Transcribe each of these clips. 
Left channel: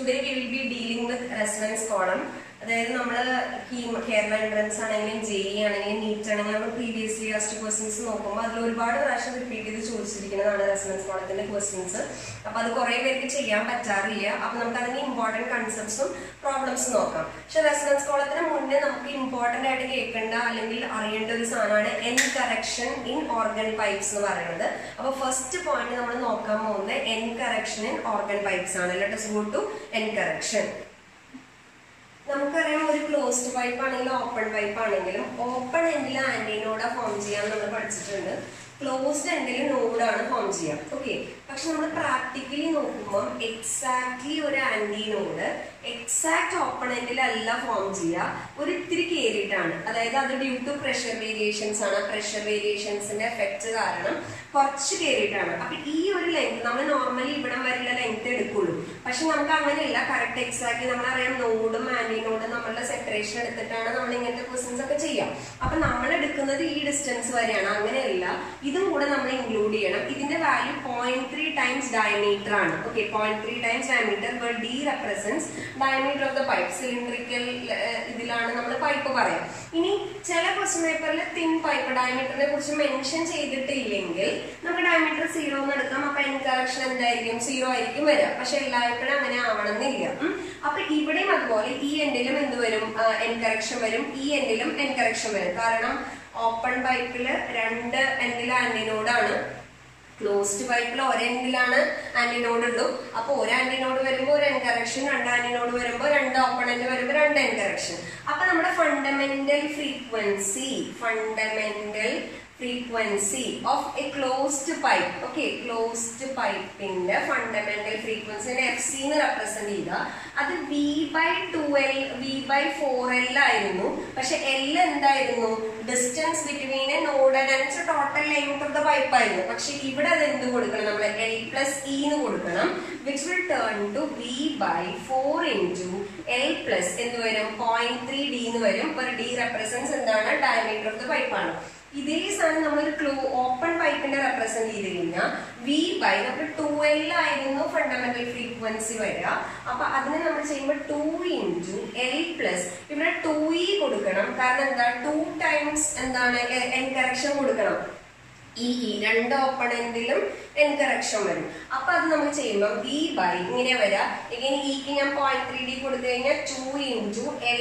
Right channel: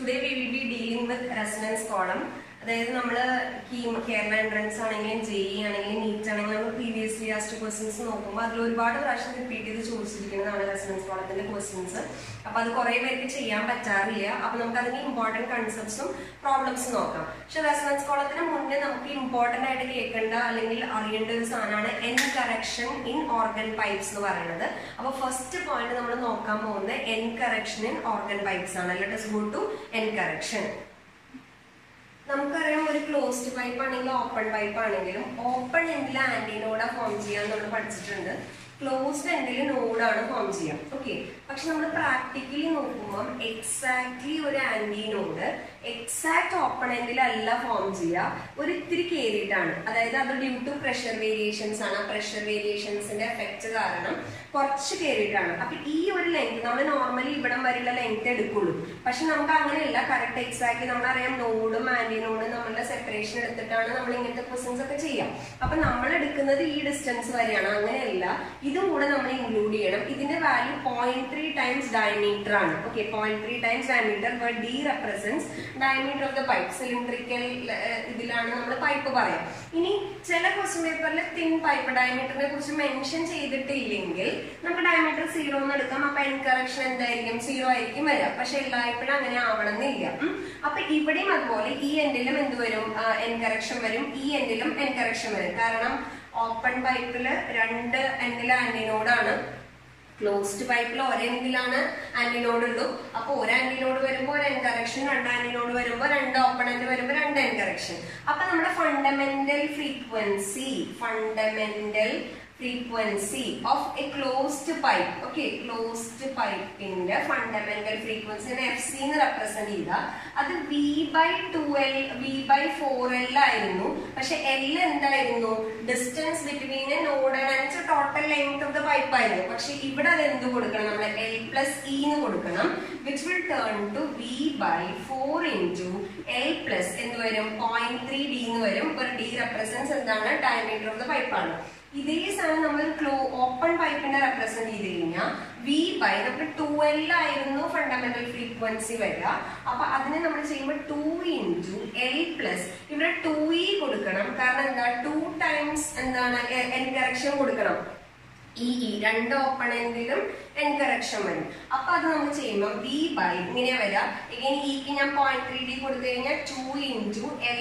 Today we will be dealing with resonance column. അതായത് നമ്മൾ Kerala entrance ആണെങ്കിലും JEE ആണെങ്കിലും നീറ്റ് ആണെങ്കിലും നമ്മൾ പ്രീവിയസ്ലി ആസ്റ്റ് ക്വസ്റ്റ്യൻസ് നോക്കുമ്പോൾ അതിൽ ഒരുപാട് പ്രാവശ്യം റിപ്പീറ്റ് ചെയ്ത് ചോദിച്ചിരിക്കുന്നതാണ് റെസൊണൻസ് കോളത്തിന്റെ ക്വസ്റ്റ്യൻസ്. അപ്പൊ അത് കുറെ പേർക്ക് ചെയ്യാൻ പറ്റാറില്ല. അപ്പൊ നമുക്ക് അതിന്റെ ഇമ്പോർട്ടന്റ് കൺസെപ്റ്റ്സും പ്രോബ്ലംസും നോക്കാം. പക്ഷെ റെസൊണൻസ് കോളത്തിന് മുന്നേ നമുക്ക് ഇമ്പോർട്ടന്റ് ആയിട്ട് കേൾക്കേണ്ട അല്ലെങ്കിൽ അറിയേണ്ട ഒരു സാധനമാണ് end correction in organ pipes എന്ന് പറയുന്നത്. അപ്പൊ ഫസ്റ്റ് പോയിന്റ് നമ്മൾ നോക്കാൻ പോകുന്നത് end correction in organ pipes ആണ്. Let us go to end correction. നമുക്കറിയാം ഒരു ക്ലോസ്ഡ് പൈപ്പ് ആണെങ്കിലും ഓപ്പൺ പൈപ്പ് ആണെങ്കിലും ഓപ്പൺ എൻഡിൽ ആന്റി നോഡ ഫോം ചെയ്യാൻ നമ്മൾ പഠിച്ചിട്ടുണ്ട്. ക്ലോസ്ഡ് എൻഡിൽ നോഡാണ് ഫോം ചെയ്യാം. ഓക്കെ, പക്ഷെ നമ്മൾ പ്രാക്ടിക്കലി നോക്കുമ്പോൾ എക്സാക്ട്ലി ഒരു ആന്റി നോഡ് എക്സാക്ട് ഓപ്പൺ എൻഡിലല്ല ഫോം ചെയ്യുക, ഒരു ഇത്തിരി കയറിയിട്ടാണ്. അതായത് അത് ഡ്യൂ ടു പ്രഷർ വേരിയേഷൻസ് ആണ്. പ്രഷർ വേരിയേഷൻസിന്റെ എഫക്ട് കാരണം കുറച്ച് കയറിയിട്ടാണ്. അപ്പൊ ഈ ഒരു ലെങ്ത് നമ്മൾ നോർമലി ഇവിടം വരെയുള്ള ലെങ്ത് എടുക്കുള്ളൂ. പക്ഷെ നമുക്ക് അങ്ങനെയല്ല, കറക്റ്റ് എക്സാക്ട്ലി നമ്മളറിയാം നോഡും ആന്റി നോഡും നമ്മളുടെ സെപ്പറേഷൻ എടുത്തിട്ടാണ് നമ്മൾ ഇങ്ങനത്തെ ക്വസ്റ്റ്യൻസ് ഒക്കെ ചെയ്യാം. അപ്പൊ നമ്മൾ എടുക്കുന്നത് ഈ ഡിസ്റ്റൻസ് വരെയാണ്. അങ്ങനെയല്ല, ഇതും കൂടെ നമ്മൾ ഇൻക്ലൂഡ് ചെയ്യണം. ഇതിന്റെ വാല്യൂ 0.3 ടൈംസ് ഡയമീറ്റർ ആണ്. Okay, 0.3 times diameter, but D represents diameter of the pipe. Cylindrical ഇതിലാണ് നമ്മൾ പൈപ്പ് പറയാം. ഇനി ചില ക്വസ്റ്റ്യൻ പേപ്പറിൽ തിൻ പൈപ്പ് ഡയമീറ്ററിനെ കുറിച്ച് മെൻഷൻ ചെയ്തിട്ടില്ലെങ്കിൽ നമുക്ക് ഡയമീറ്റർ 0 എന്ന് എടുക്കാം. അപ്പൊ എൻ കറക്ഷൻ എന്തായിരിക്കും? 0 ആയിരിക്കും വരിക. പക്ഷെ എല്ലായ്പ്പോഴും അങ്ങനെ ആവണമെന്നില്ല. അപ്പൊ ഇവിടെയും അതുപോലെ ഈ എൻഡിലും എന്ത് വരും? എൻ കറക്ഷൻ വരും. ഈ എൻഡിലും എൻ കറക്ഷൻ വരും. കാരണം ഓപ്പൺ പൈപ്പില് രണ്ട് എൻഡിൽ ആന്റിനോഡാണ്, ക്ലോസ്ഡ് പൈപ്പിൽ ഒരെൻഡിലാണ് ആന്റിനോഡ് ഉള്ളൂ. അപ്പൊ ഒരു ആന്റിനോഡ് വരുമ്പോൾ ഒരു എൻ കറക്ഷൻ, രണ്ട് ആന്റിനോഡ് വരുമ്പോൾ രണ്ട് ഓപ്പൺ എൻഡ് വരുമ്പോൾ രണ്ട് എൻ കറക്ഷൻ. അപ്പൊ നമ്മുടെ fundamental frequency of a closed pipe. Okay, closed pipe in the fundamental frequency FC എന്ന് റെപ്രസെന്റ് ചെയ്ത അത് V/2L V/4L ആയിരുന്നു. പക്ഷെ L എന്തായിരുന്നു? Distance between A node and total length of the pipe ആയിരുന്നു. പക്ഷെ ഇവിടെ അത് എന്ത് കൊടുക്കണം? നമ്മൾ L+E എന്ന് കൊടുക്കണം, which will turn to V/4 into L+ എന്ത് വരും? 0.3D എന്ന് വരും. ഒരു D represents എന്താണ്? ഡയമീറ്റർ ഓഫ് ദ പൈപ്പ് ആണ്. ഇതേ സാധനം നമ്മൾ ഓപ്പൺ പൈപ്പിന്റെ റെപ്രസെന്റ് ചെയ്ത് കഴിഞ്ഞാൽ V/, നമുക്ക് 2L ആയിരുന്നു ഫണ്ടമെന്റൽ ഫ്രീക്വൻസി വരിക. അപ്പൊ അതിനെ നമ്മൾ ചെയ്യുമ്പോൾ 2 into L+, ഇവിടെ 2E കൊടുക്കണം. കാരണം എന്താ? 2 ടൈംസ് എന്താണ്? എൻ കറക്ഷൻ കൊടുക്കണം. രണ്ട് ഓപ്പൺ എൻഡിലും എൻ കറക്ഷൻ വരും. അപ്പൊ അത് നമ്മൾ ചെയ്യുമ്പോൾ V/, ഇങ്ങനെ വരാം. എഗൈൻ ഇക്ക് ഞാൻ 0.3D കൊടുത്തു കഴിഞ്ഞാൽ 2 into L+,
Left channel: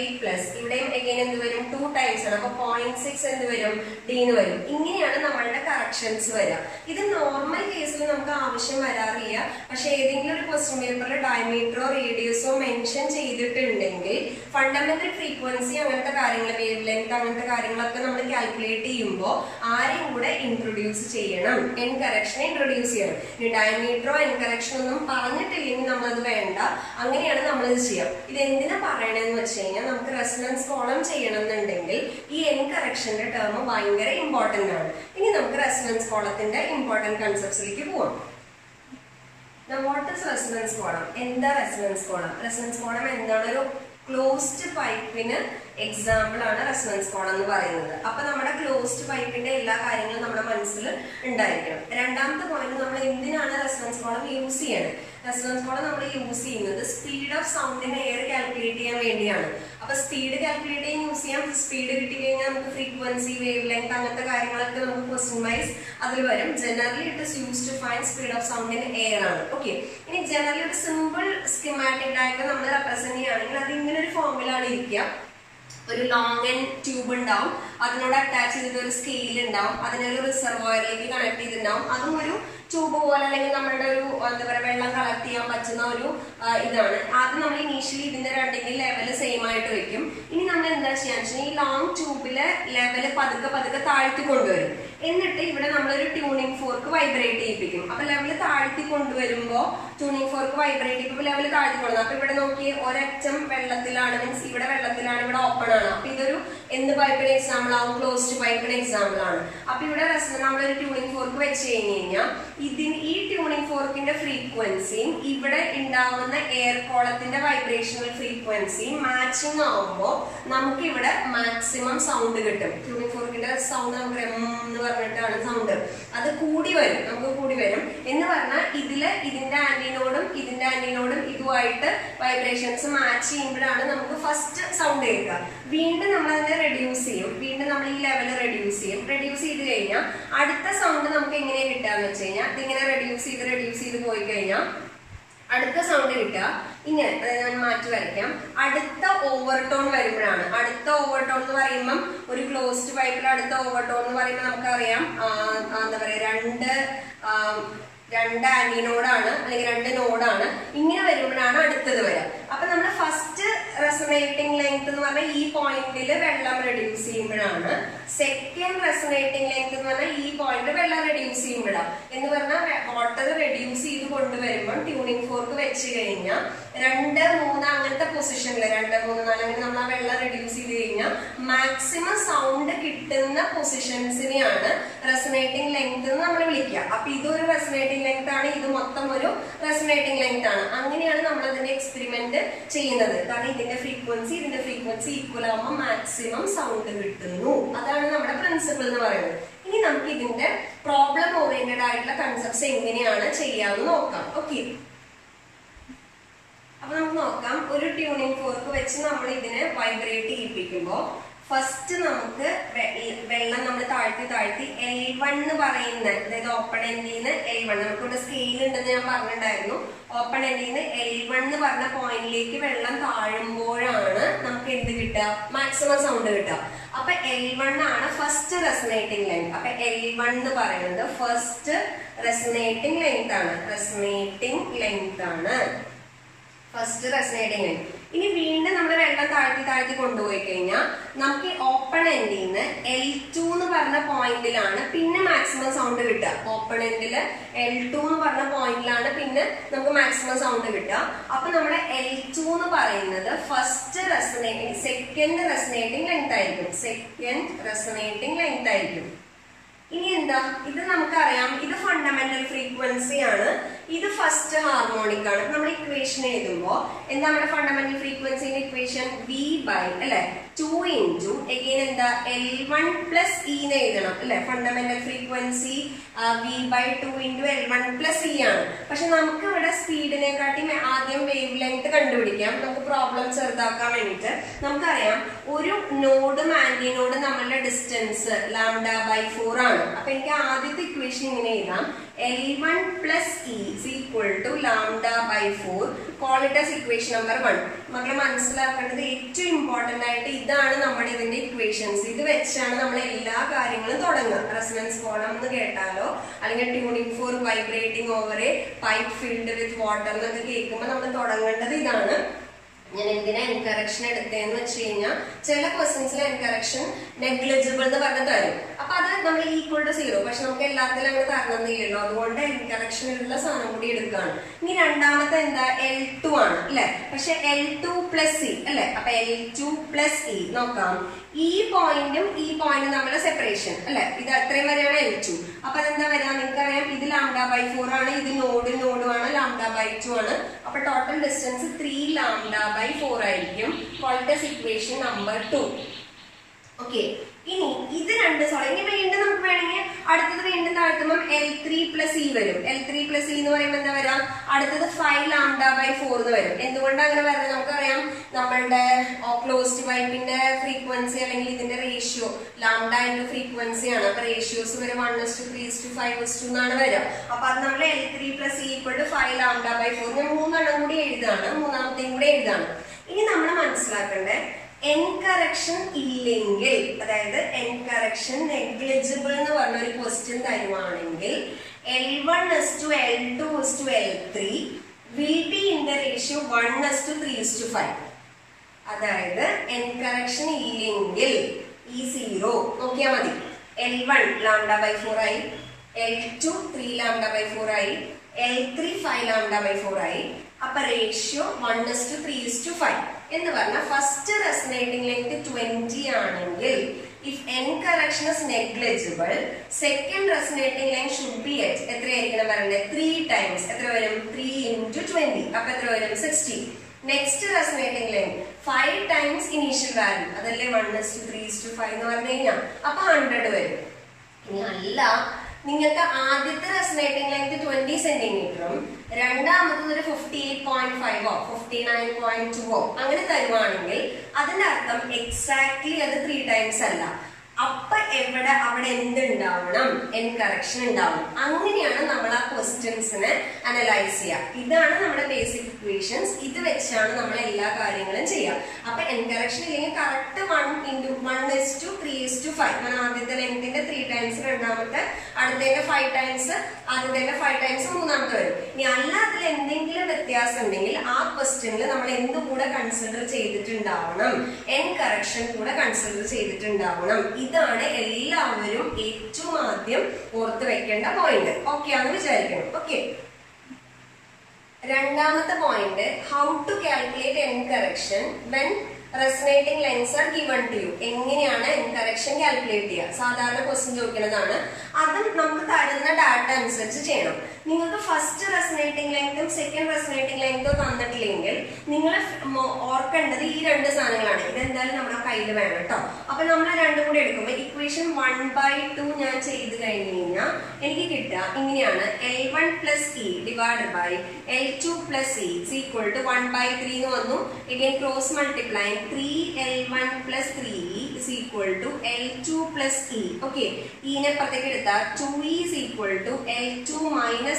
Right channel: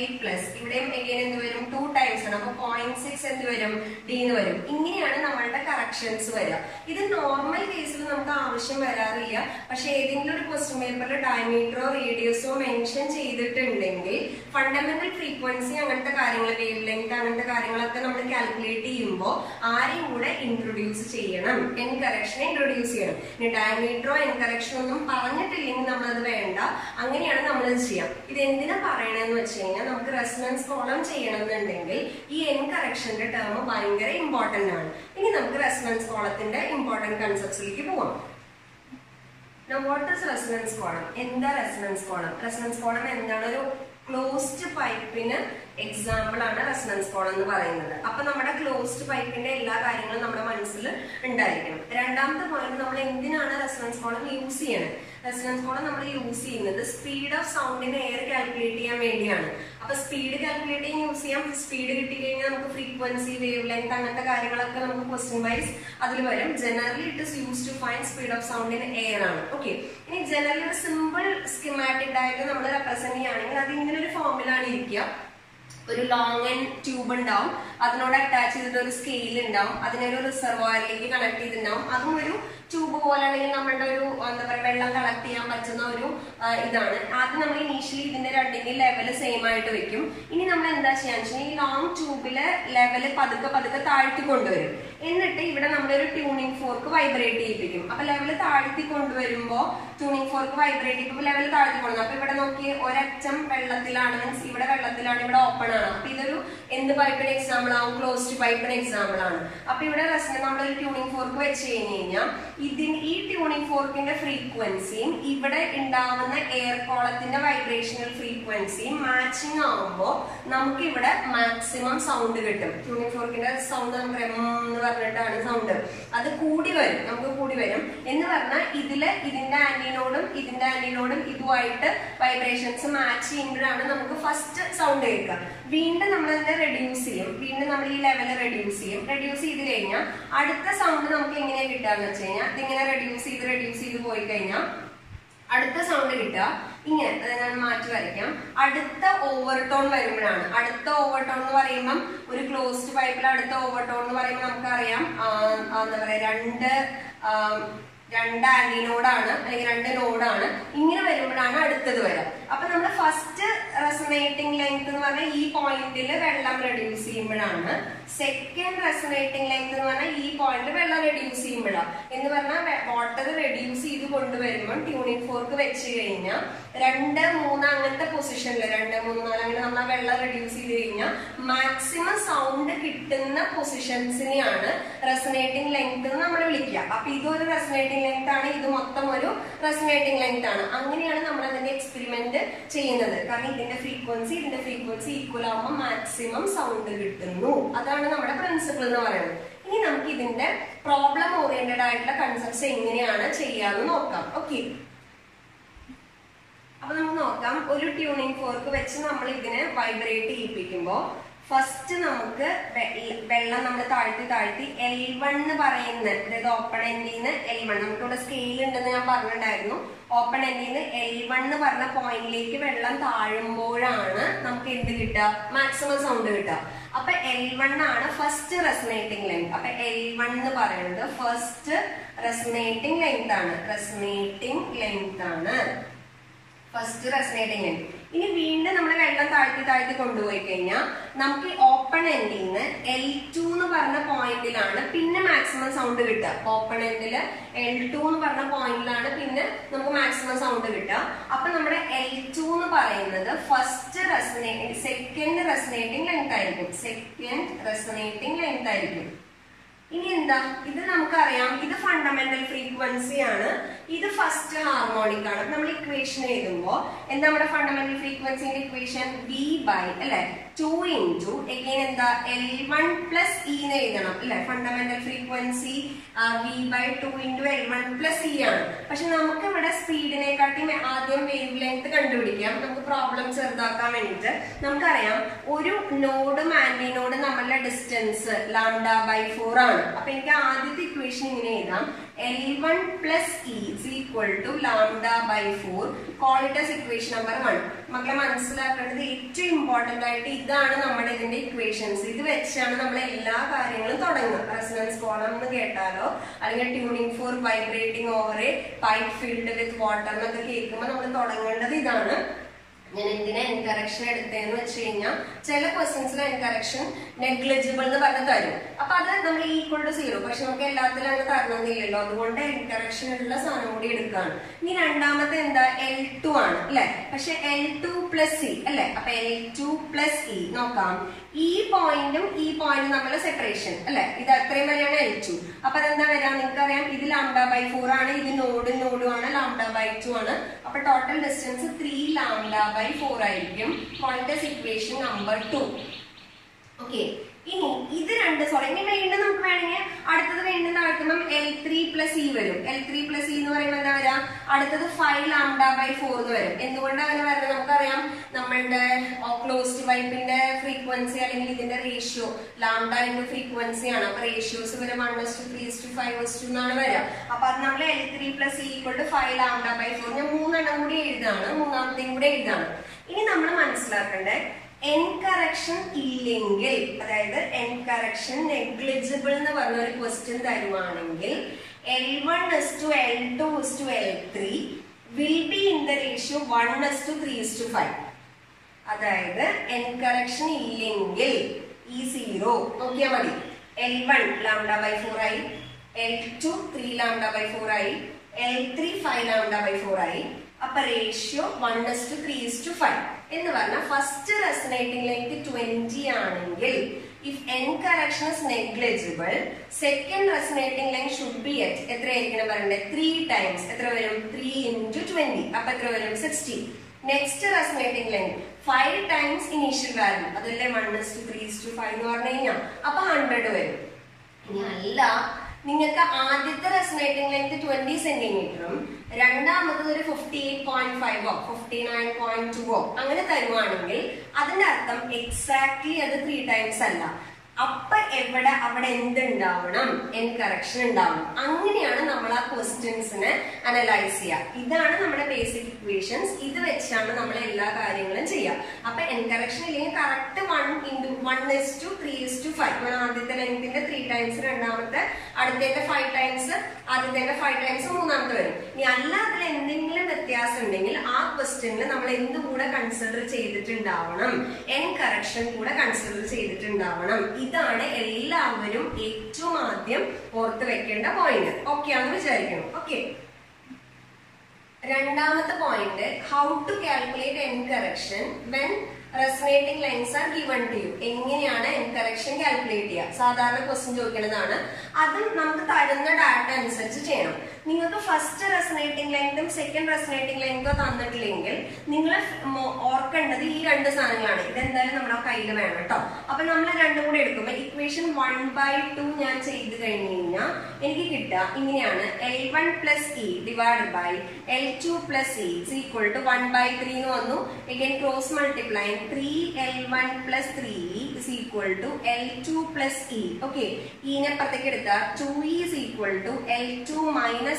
ഇവിടെയും എഗൈൻ എന്ത് വരും? 2 ടൈംസ് ആണ്. അപ്പൊ 0.6 എന്ത് വരും? D എന്ന് വരും. ഇങ്ങനെയാണ് നമ്മളുടെ കറക്ഷൻസ് വരിക. ഇത് നോർമൽ കേസിൽ നമുക്ക് ആവശ്യം വരാറില്ല. പക്ഷെ ഏതെങ്കിലും ഒരു ക്വസ്റ്റ്യൻ പേപ്പറിൽ ഡയമീറ്ററോ റേഡിയസോ മെൻഷൻ ചെയ്തിട്ടുണ്ടെങ്കിൽ ഫണ്ടമെന്റൽ ഫ്രീക്വൻസി അങ്ങനത്തെ കാര്യങ്ങൾ, വേവ് ലെങ്ത് അങ്ങനത്തെ കാര്യങ്ങളൊക്കെ നമ്മൾ കാൽക്കുലേറ്റ് ചെയ്യുമ്പോൾ ആരെയും കൂടെ ഇൻട്രൊഡ്യൂസ് ചെയ്യണം, എൻ കറക്ഷൻ ഇൻട്രൊഡ്യൂസ് ചെയ്യണം. ഇനി ഡയമീറ്ററോ എൻ കറക്ഷൻ ഒന്നും പറഞ്ഞിട്ടില്ലെങ്കിൽ നമ്മളത് വേണ്ട. അങ്ങനെയാണ് നമ്മളത് ചെയ്യാം. ഇത് എന്തിനാ പറയണെന്ന് വെച്ച് കഴിഞ്ഞാൽ നമുക്ക് റെസൊണൻസ് കോളം ചെയ്യണം എന്നുണ്ടെങ്കിൽ ഈ എൻ കറക്ഷന്റെ ടേം ഭയങ്കര ഇമ്പോർട്ടന്റ് ആണ്. ഇനി നമുക്ക് റെസൊണൻസ് കോളത്തിന്റെ ഇമ്പോർട്ടന്റ് കൺസെപ്റ്റ്സിലേക്ക് പോവാം. Now what is resonance column? എന്താ റെസൊണൻസ് കോളം? റെസൊണൻസ് കോളം എന്താണ്? ഒരു ക്ലോസ്ഡ് പൈപ്പിന് എക്സാമ്പിൾ ആണ് റെസൊണൻസ് കോളം എന്ന് പറയുന്നത്. അപ്പൊ നമ്മുടെ ക്ലോസ്ഡ് പൈപ്പിന്റെ എല്ലാ കാര്യങ്ങളും നമ്മുടെ മനസ്സിൽ ഉണ്ടായിരിക്കണം. രണ്ടാമത്തെ പോയിന്റ്, നമ്മൾ എന്തിനാണ് റെസൊണൻസ് കോളം യൂസ് ചെയ്യണത്? റെസൊണൻസ് കോളം നമ്മൾ യൂസ് ചെയ്യുന്നത് സ്പീഡ് ഓഫ് സൗണ്ടിന് എയർ കാൽക്കുലേറ്റ് ചെയ്യാൻ വേണ്ടിയാണ്. അപ്പൊ സ്പീഡ് കാൽക്കുലേറ്റ് ചെയ്യാൻ യൂസ് ചെയ്യാം. സ്പീഡ് കിട്ടിക്കഴിഞ്ഞാൽ നമുക്ക് ഫ്രീക്വൻസി, വേവ് ലെങ്ത് അങ്ങനത്തെ കാര്യങ്ങളൊക്കെ നമുക്ക് ക്വസ്റ്റ്യൻ വൈസ് അതിൽ വരും. Generally it is use to find speed of sound in air ആണ്. ഓക്കെ, ഇനി ജനറലി ഒരു സിമ്പിൾ സ്കീമാറ്റിക് ഡയഗ്രം നമ്മൾ റെപ്രസെന്റ് ചെയ്യുകയാണെങ്കിൽ അത് ഇങ്ങനെ ഒരു ഫോമിലാണ് ഇരിക്കുക. ഒരു ലോങ് ആൻഡ് ട്യൂബ് ഉണ്ടാവും, അതിനോട് അറ്റാച്ച് ചെയ്തിട്ട് ഒരു സ്കെയിൽ ഉണ്ടാവും, അതിനൊരു റിസർവോയറിലേക്ക് കണക്ട് ചെയ്തിട്ടുണ്ടാവും. അതും ഒരു ട്യൂബ് പോലെ അല്ലെങ്കിൽ നമ്മളുടെ ഒരു എന്താ പറയുക വെള്ളം കളക്ട് ചെയ്യാൻ പറ്റുന്ന ഒരു ഇതാണ്. ആദ്യം നമ്മൾ ഇനീഷ്യലി ഇതിന്റെ രണ്ടിന്റെ ലെവല് സെയിം ആയിട്ട് വെക്കും. ഇനി നമ്മൾ എന്താ ചെയ്യാന്ന് വെച്ചാൽ ഈ ലോങ് ട്യൂബിലെ ലെവല് പതുക്കെ താഴ്ത്തി കൊണ്ടുവരും. എന്നിട്ട് ഇവിടെ നമ്മളൊരു ട്യൂണിംഗ് ഫോർക്ക് വൈബ്രേറ്റ് ചെയ്യിപ്പിക്കും. അപ്പൊ ലെവല് താഴ്ത്തി കൊണ്ടുവരുമ്പോ ട്യൂണിംഗ് ഫോർക്ക് വൈബ്രേറ്റ് ചെയ്യുമ്പോൾ ലെവല് താഴ്ത്തി കൊണ്ടുവരും. അപ്പൊ ഇവിടെ നോക്കി ഒരറ്റം വെള്ളത്തിലാണ്, മീൻസ് ഇവിടെ വെള്ളത്തിലാണ്, ഇവിടെ ഓപ്പൺ ആണ്. അപ്പൊ ഇതൊരു എന്ത് പൈപ്പിന് എക്സാമ്പിൾ ആവും? ക്ലോസ്ഡ് പൈപ്പിന് എക്സാമ്പിൾ ആണ്. അപ്പൊ ഇവിടെ നമ്മളൊരു ട്യൂണിംഗ് ഫോർക്ക് വെച്ച് കഴിഞ്ഞ് കഴിഞ്ഞാൽ ഈ ട്യൂണിംഗ് ഫോർക്കിന്റെ ഫ്രീക്വൻസിയും ഇവിടെ ഉണ്ടാവുന്ന എയർ കോളത്തിന്റെ വൈബ്രേഷണൽ ഫ്രീക്വൻസിയും മാച്ചിങ് ആവുമ്പോൾ നമുക്ക് ഇവിടെ മാക്സിമം സൗണ്ട് കിട്ടും. ട്യൂണിംഗ് ഫോർക്കിന്റെ സൗണ്ട് നമുക്ക് എന്ന് പറഞ്ഞിട്ടാണ് സൗണ്ട്. അത് കൂടി വരും, നമുക്ക് കൂടി വരും എന്ന് പറഞ്ഞാൽ ഇതിന്റെ ആന്റിനോടും ഇതുമായിട്ട് വൈബ്രേഷൻസ് മാച്ച് ചെയ്യുമ്പോഴാണ് നമുക്ക് ഫസ്റ്റ് സൗണ്ട് കേൾക്കുക. വീണ്ടും നമ്മൾ അതിനെ റെഡ്യൂസ് ചെയ്യും, വീണ്ടും നമ്മൾ ഈ ലെവൽ റെഡ്യൂസ് ചെയ്ത് കഴിഞ്ഞാൽ അടുത്ത സൗണ്ട് നമുക്ക് എങ്ങനെയാ കിട്ടാന്ന് വെച്ച് കഴിഞ്ഞാൽ ഇതിങ്ങനെ റെഡ്യൂസ് ചെയ്ത് പോയി കഴിഞ്ഞാൽ അടുത്ത സൗണ്ട് കിട്ടുക ഇങ്ങനെ. അത് ഞാൻ മാറ്റി വരയ്ക്കാം. അടുത്ത ഓവർടോൺ വരുമ്പോഴാണ്. അടുത്ത ഓവർടോൺ എന്ന് പറയുമ്പം ഒരു ക്ലോസ്ഡ് പൈപ്പിൽ അടുത്ത ഓവർടോൺ എന്ന് പറയുമ്പോൾ നമുക്കറിയാം എന്താ പറയാ, രണ്ട് ആന്റിനോഡാണ് അല്ലെങ്കിൽ രണ്ട് നോഡാണ്. ഇങ്ങനെ വരുമ്പോഴാണ് അടുത്തത് വരിക. അപ്പൊ നമ്മൾ ഫസ്റ്റ് റെസൊനേറ്റിംഗ് ലെങ്ത് എന്ന് പറഞ്ഞാൽ ഈ പോയിന്റിൽ വെള്ളം റെഡ്യൂസ് ചെയ്യുമ്പോഴാണ്. സെക്കൻഡ് റെസൊനേറ്റിംഗ് ലെങ്ത് എന്ന് പറഞ്ഞാൽ ഈ പോയിന്റിൽ വെള്ളം റെഡ്യൂസ് ചെയ്യുമ്പോഴാണ്. എന്ന് പറഞ്ഞാൽ വാട്ടർ റെഡ്യൂസ് ചെയ്ത് കൊണ്ടുവരുമ്പോൾ ട്യൂണിംഗ് ഫോർക്ക് വെച്ച് കഴിഞ്ഞാൽ 2, 3 അങ്ങനത്തെ പൊസിഷനിൽ 2, 3, 4 അങ്ങനെ നമ്മൾ ആ വെള്ളം റെഡ്യൂസ് ചെയ്ത് കഴിഞ്ഞാൽ മാക്സിമം സൗണ്ട് കിട്ടുന്ന പൊസിഷൻസിനെയാണ് റെസൊനേറ്റിംഗ് ലെങ്ത് എന്ന് നമ്മൾ വിളിക്കുക. അപ്പൊ ഇതൊരു റെസൊനേറ്റിംഗ് ലെങ്ത് ആണ്, ഇത് മൊത്തം ഒരു റെസൊനേറ്റിംഗ് ലെങ്ത് ആണ്. അങ്ങനെയാണ് നമ്മൾ അതിന്റെ എക്സ്പെരിമെന്റ് ചെയ്യുന്നത്. കാരണം ഇതിന്റെ ഫ്രീക്വൻസി ഈക്വൽ ആവുമ്പോൾ മാക്സിമം സൗണ്ട് കിട്ടുന്നു. അതാണ് നമ്മുടെ പ്രിൻസിപ്പിൾ എന്ന് പറയുന്നത്. ഇനി നമുക്ക് ഇതിന്റെ പ്രോബ്ലം ഓറിയന്റഡ് ആയിട്ടുള്ള കൺസെപ്റ്റ്സ് എങ്ങനെയാണ് ചെയ്യാന്ന് നോക്കാം. ഓക്കെ, അപ്പൊ നമുക്ക് നോക്കാം. ഒരു ട്യൂണിംഗ് ഫോർക്ക് വെച്ച് നമ്മൾ ഇതിനെ വൈബ്രേറ്റ് ചെയ്യിപ്പിക്കുമ്പോൾ ഫസ്റ്റ് നമുക്ക് വെള്ളം നമ്മൾ താഴ്ത്തി L1 എന്ന് പറയുന്ന, അതായത് ഓപ്പൺ എൻഡിന്ന് L1, നമുക്കിവിടെ സ്കെയിൽ ഉണ്ടെന്ന് ഞാൻ പറഞ്ഞിട്ടുണ്ടായിരുന്നു. ഓപ്പൺ എൻഡിന്ന് L1 എന്ന് പറഞ്ഞ പോയിന്റിലേക്ക് വെള്ളം താഴുമ്പോഴാണ് നമുക്ക് എന്ത് കിട്ടുക, മാക്സിമം സൗണ്ട് കിട്ടുക. അപ്പൊ L1 ആണ് ഫസ്റ്റ് റെസൊനേറ്റിംഗ് ലെങ്ത്. അപ്പൊ L1 എന്ന് പറയുന്നത് ഫസ്റ്റ് റെസൊനേറ്റിംഗ് ലെങ്ത് ആണ്. First resonating length. ഇനി വീണ്ടും നമ്മൾ വെള്ളം താഴ്ത്തി കൊണ്ടുപോയി കഴിഞ്ഞാൽ നമുക്ക് ഓപ്പൺ എൻഡിൽ നിന്ന് L2 എന്ന് പറഞ്ഞ പോയിന്റിലാണ് പിന്നെ മാക്സിമം സൗണ്ട് കിട്ടുക. ഓപ്പൺ എൻഡില് L2 എന്ന് പറഞ്ഞ പോയിന്റിലാണ് പിന്നെ നമുക്ക് മാക്സിമം സൗണ്ട് കിട്ടുക. അപ്പൊ നമ്മുടെ L2 എന്ന് പറയുന്നത് സെക്കൻഡ് റെസൊനേറ്റിംഗ് ലെങ്ത് ആയിരിക്കും. ഇനി എന്താ, ഇത് നമുക്കറിയാം, ഇത് ഫണ്ടമെന്റൽ ഫ്രീക്വൻസി ആണ്, ഇത് ഫസ്റ്റ് ഹാർമോണിക് ആണ്. നമ്മൾ ഇക്വേഷൻ എഴുതുമ്പോൾ എന്താ നമ്മുടെ fundamental ഫ്രീക്വൻസിന്റെ equation? V by 2 into again എന്താ L1 plus E എന്ന് എഴുതണം അല്ലെ. Fundamental frequency V by 2 into L1 plus E ആണ്. പക്ഷെ നമുക്ക് ഇവിടെ സ്പീഡിനെക്കാട്ടി ആദ്യം വേവ് ലെങ്ത് കണ്ടുപിടിക്കാം. നമുക്ക് പ്രോബ്ലം ചെറുതാക്കാൻ വേണ്ടിട്ട് നമുക്കറിയാം ഒരു നോഡും ആന്റിനോഡും നമ്മളുടെ ഡിസ്റ്റൻസ് λ/4 ആണ്. അപ്പൊ എനിക്ക് ആദ്യത്തെ ഇക്വേഷൻ ഇങ്ങനെ എഴുതാം, L1 plus E is equal to λ/4. Call it as equation number 1. മക്കളെ മനസ്സിലാക്കേണ്ടത് ഏറ്റവും ഇമ്പോർട്ടന്റ് ആയിട്ട് ഇതാണ് നമ്മുടെ ഇതിന്റെ ഇക്വേഷൻസ്. ഇത് വെച്ചാണ് നമ്മൾ എല്ലാ കാര്യങ്ങളും തുടങ്ങുക. റെസൊണൻസ് കോളം എന്ന് കേട്ടാലോ അല്ലെങ്കിൽ tuning fork vibrating over a pipe filled with water എന്നൊക്കെ കേൾക്കുമ്പോൾ നമ്മൾ തുടങ്ങേണ്ടത് ഇതാണ്. ഞാൻ എന്തിനാ എൻകറക്ഷൻ എടുത്തതെന്ന് വെച്ച് കഴിഞ്ഞാൽ ചില ക്വസ്റ്റ്യൻസിൽ എൻകറക്ഷൻ നെഗ്ലിജിബിൾ എന്ന് പറഞ്ഞ് തരും. അപ്പൊ അത് നമ്മൾ ഈക്വൽ ടു 0, പക്ഷെ നമുക്ക് എല്ലാത്തിലും അങ്ങനെ തരണമെന്നില്ലല്ലോ. അതുകൊണ്ട് എൻകറക്ഷൻ ഉള്ള സാധനം കൂടി എടുക്കുകയാണ്. ഇനി രണ്ടാമത്തെ എന്താ, L2 ആണ് അല്ലെ. പക്ഷെ L2 plus E അല്ലെ. അപ്പൊ L2 plus E നോക്കാം. ഈ പോയിന്റും തമ്മിലുള്ള സെപ്പറേഷൻ അല്ലെ. ഇത് അത്രയും വരെയാണ് L2. അപ്പൊ അതെന്താ വരിക, നിങ്ങൾക്കറിയാം ഇത് λ/4 ആണ്, ഇത് നോഡും ആണ്, λ/2 ആണ്. അപ്പൊ ടോട്ടൽ ഡിസ്റ്റൻസ് 3 λ/4 ആയിരിക്കും. കോൾട്ടസ് ഇക്വേഷൻ നമ്പർ 2. ഓക്കെ, ഇനി ഇത് രണ്ട് ഇനി വീണ്ടും നമുക്ക് വേണമെങ്കിൽ അടുത്തത് വീണ്ടും താഴ്ത്തുമ്പോൾ L3 plus E വരും. L3 plus E എന്ന് പറയുമ്പോൾ എന്താ വരാം, അടുത്തത് 5 λ/4 എന്ന് വരും. എന്തുകൊണ്ടാണ് അങ്ങനെ വരുന്നത് നമുക്കറിയാം. നമ്മളുടെ ക്ലോസ്ഡ് പൈപ്പിന്റെ ഫ്രീക്വൻസി അല്ലെങ്കിൽ ഇതിന്റെ റേഷ്യോ ലാംഡ ഫ്രീക്വൻസി ആണ്. അപ്പൊ റേഷ്യോസ് വരെ 1:3:5:2 എന്നാണ് വരിക. അപ്പൊ അത് നമ്മൾ L3 plus E equal to 5 λ/4. ഞാൻ 3 എണ്ണം കൂടി എഴുതാണ്, മൂന്നാമത്തെയും കൂടി എഴുതാണ്. ഇനി നമ്മൾ മനസ്സിലാക്കണ്ടേ, എൻകറക്ഷൻ ഇല്ലെങ്കിൽ, അതായത് എൻകറക്ഷൻ നെഗ്ലിജിബിൾ എന്ന് പറഞ്ഞ ഒരു ക്വസ്റ്റ്യൻ തരുവാണെങ്കിൽ L1:L2:L3 will be in the ratio 1:3:5. അതായത് എൻകറക്ഷൻ ഇല്ലെങ്കിൽ ഈ 0 നോക്കിയാൽ മതി. L1 λ/4 ആയി, L2 3 λ/4 ആയി, L3 5 λ/4 ആയി. അപ്പൊ റേഷ്യോ 1:3:5 എന്ന് പറഞ്ഞാൽ ഫസ്റ്റ് റെസൊനേറ്റിംഗ് ലെങ്ത് 20 ആണെങ്കിൽ if n correction is negligible, second resonating length should be at എത്രയായിരിക്കണം വരണ്ടേ 3 times. എത്ര വരും 3 into 20. അപ്പോൾ എത്ര വരും 60. Next resonating length 5 times initial value. അതല്ലേ 1:3:5 എന്ന് പറഞ്ഞു കഴിഞ്ഞാൽ അപ്പൊ 100 വരും. ഇനി അല്ല നിങ്ങൾക്ക് ആദ്യത്തെ റെസനേറ്റിംഗ് ലെങ്ത് 20 സെന്റിമീറ്ററും രണ്ടാമത്തത് ഒരു 58.5 59.2 അങ്ങനെ തരുവാണെങ്കിൽ അതിന്റെ അർത്ഥം എക്സാക്ട്ലി അത് 3 ടൈംസ് അല്ല. അപ്പൊ അവിടെ എന്തുണ്ടാവണം n കറക്ഷൻ ഉണ്ടാവണം. അങ്ങനെയാണ് നമ്മൾ ആ ക്വസ്റ്റ്യൻസിനെ അനലൈസ് ചെയ്യുക. ഇതാണ് നമ്മുടെ ബേസിക് ഇക്വേഷൻസ്. ഇത് വെച്ചാണ് നമ്മൾ എല്ലാ കാര്യങ്ങളും ചെയ്യുക. അപ്പൊ n കറക്ഷൻ ഇല്ലെങ്കിൽ കറക്റ്റ് 1:1:3:5 ആദ്യത്തെ ലെങ്ത്തിന്റെ 3 ടൈംസ്, രണ്ടാമത്തെ അടുത്തതിന്റെ 5 ടൈംസ്, ആദ്യത്തെ 5 ടൈംസ്, മൂന്നാമത്തെ വരും. ഇനി അല്ല അതിൽ എന്തെങ്കിലും വ്യത്യാസം ഉണ്ടെങ്കിൽ ആ ക്വസ്റ്റ്യനിൽ നമ്മൾ എന്തുകൂടെ കൺസിഡർ ചെയ്തിട്ടുണ്ടാവണം, n കറക്ഷൻ കൂടെ കൺസിഡർ ചെയ്തിട്ടുണ്ടാവണം. ഇതാണ് എല്ലാവരും ഏറ്റവും ആദ്യം ഓർത്ത് വെക്കേണ്ട പോയിന്റ്. ഓക്കെ ആണെന്ന് വിചാരിക്കണം. ഓക്കെ, രണ്ടാമത്തെ point, how to calculate n correction when resonating lines are given to you. എങ്ങനെയാണ് n കറക്ഷൻ കാൽക്കുലേറ്റ് ചെയ്യുക? സാധാരണ ക്വസ്റ്റ്യൻ ചോദിക്കുന്നതാണ്. അതും നമുക്ക് തരുന്ന ഡാറ്റ അനുസരിച്ച് ചെയ്യണം. നിങ്ങൾക്ക് ഫസ്റ്റ് റെസനേറ്റിംഗ് ലെങ്തും സെക്കൻഡ് റെസനേറ്റിംഗ് ലെങ്തോ തന്നിട്ടില്ലെങ്കിൽ നിങ്ങൾ ഓർക്കേണ്ടത് ഈ രണ്ട് സാധനങ്ങളാണ്. ഇതെന്തായാലും നമ്മുടെ കയ്യിൽ വേണം കേട്ടോ. അപ്പൊ നമ്മൾ രണ്ടും കൂടെ എടുക്കുമ്പോൾ ഇക്വേഷൻ 1/2 ഞാൻ ചെയ്ത് കഴിഞ്ഞു കഴിഞ്ഞാൽ എനിക്ക് കിട്ടുക ഇങ്ങനെയാണ്. L1 + E divided by L2 + E is equal to 1/3 എന്ന് വന്നു. again cross multiply 3L1 + 3E is equal to L2 + E. Okay, ഈനെ പുറത്തേക്ക് എടുത്താൽ 2E is equal to L2 -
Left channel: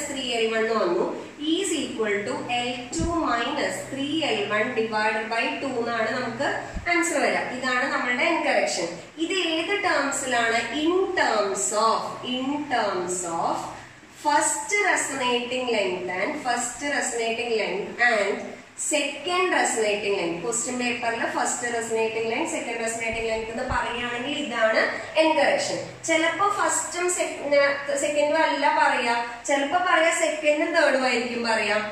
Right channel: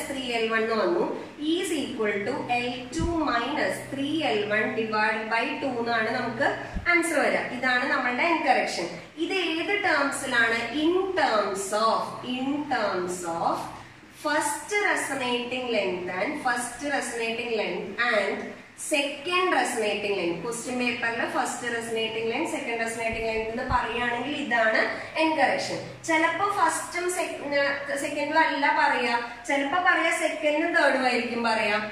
3L1 എന്ന് വന്നു. E is equal to L2 - 3L1 divided by 2 എന്നാണ് നമുക്ക് answer വരിക. ഇതാണ് നമ്മളുടെ n കറക്ഷൻ. ഇത് ഏത് ടേംസിലാണ്? In terms of first resonating length and second resonating length. Question പേപ്പറിൽ first resonating length, second resonating length എന്ന് പറയുകയാണെങ്കിൽ ഇതാണ് n കറക്ഷൻ. ചിലപ്പോ ഫസ്റ്റും സെക്കൻഡും അല്ല പറയാ, ചിലപ്പോ പറയാ സെക്കൻഡും തേർഡും ആയിരിക്കും പറയാം.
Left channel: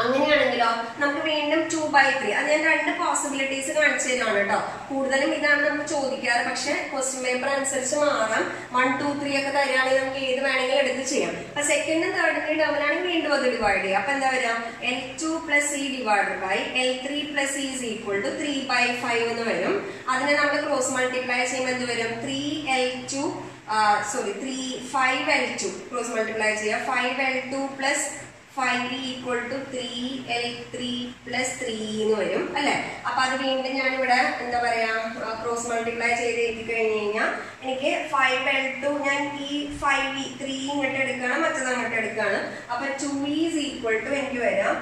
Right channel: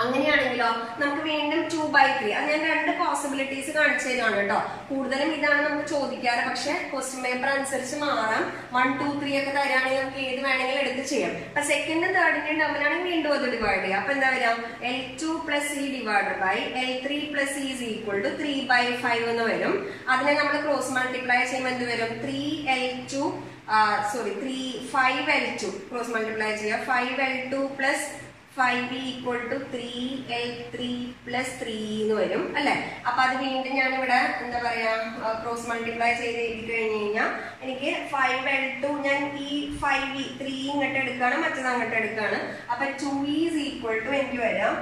അങ്ങനെയാണെങ്കിലോ നമുക്ക് വീണ്ടും 2/3. അത് ഞാൻ രണ്ട് പോസിബിലിറ്റീസ് കാണിച്ചു തരാണ് കേട്ടോ. കൂടുതലും ഇതാണ് നമുക്ക് ചോദിക്കാറ്, പക്ഷെ ക്വസ്റ്റ്യൻ പേപ്പർ അനുസരിച്ച് മാറാം. 1, 2, 3 ഒക്കെ തരാണെങ്കിൽ നമുക്ക് ഏത് വേണമെങ്കിലും എടുത്ത് ചെയ്യാം. അപ്പൊ സെക്കൻഡും തേർഡിന്റെ ടേമിലാണെങ്കിൽ വീണ്ടും അത് ഡിവൈഡ് ചെയ്യാം. അപ്പൊ എന്താ വരാം? L2 + E divide by L3 + E is equal to 3/5 എന്ന് വരും. അതിനെ നമ്മൾ ക്രോസ് മൾട്ടിപ്ലൈ ചെയ്യുമ്പോൾ എന്ത് വരും? 5L2 ക്രോസ് മൾട്ടിപ്ലൈ ചെയ്യാം. 5L2 + 5E equal to 3L3 + 3 എന്ന് വരും അല്ലെ. അപ്പൊ അത് വീണ്ടും ഞാനിവിടെ എന്താ പറയാ ക്രോസ് മൾട്ടിപ്ലൈ ചെയ്ത് എഴുതി കഴിഞ്ഞു കഴിഞ്ഞാൽ എനിക്ക് 5L2 ഞാൻ ഈ 5E 3 ഇങ്ങോട്ട് എടുക്കാണ്, മറ്റത് അങ്ങോട്ട് എടുക്കാണ്. അപ്പൊ 2E is equal to എനിക്ക് വരാം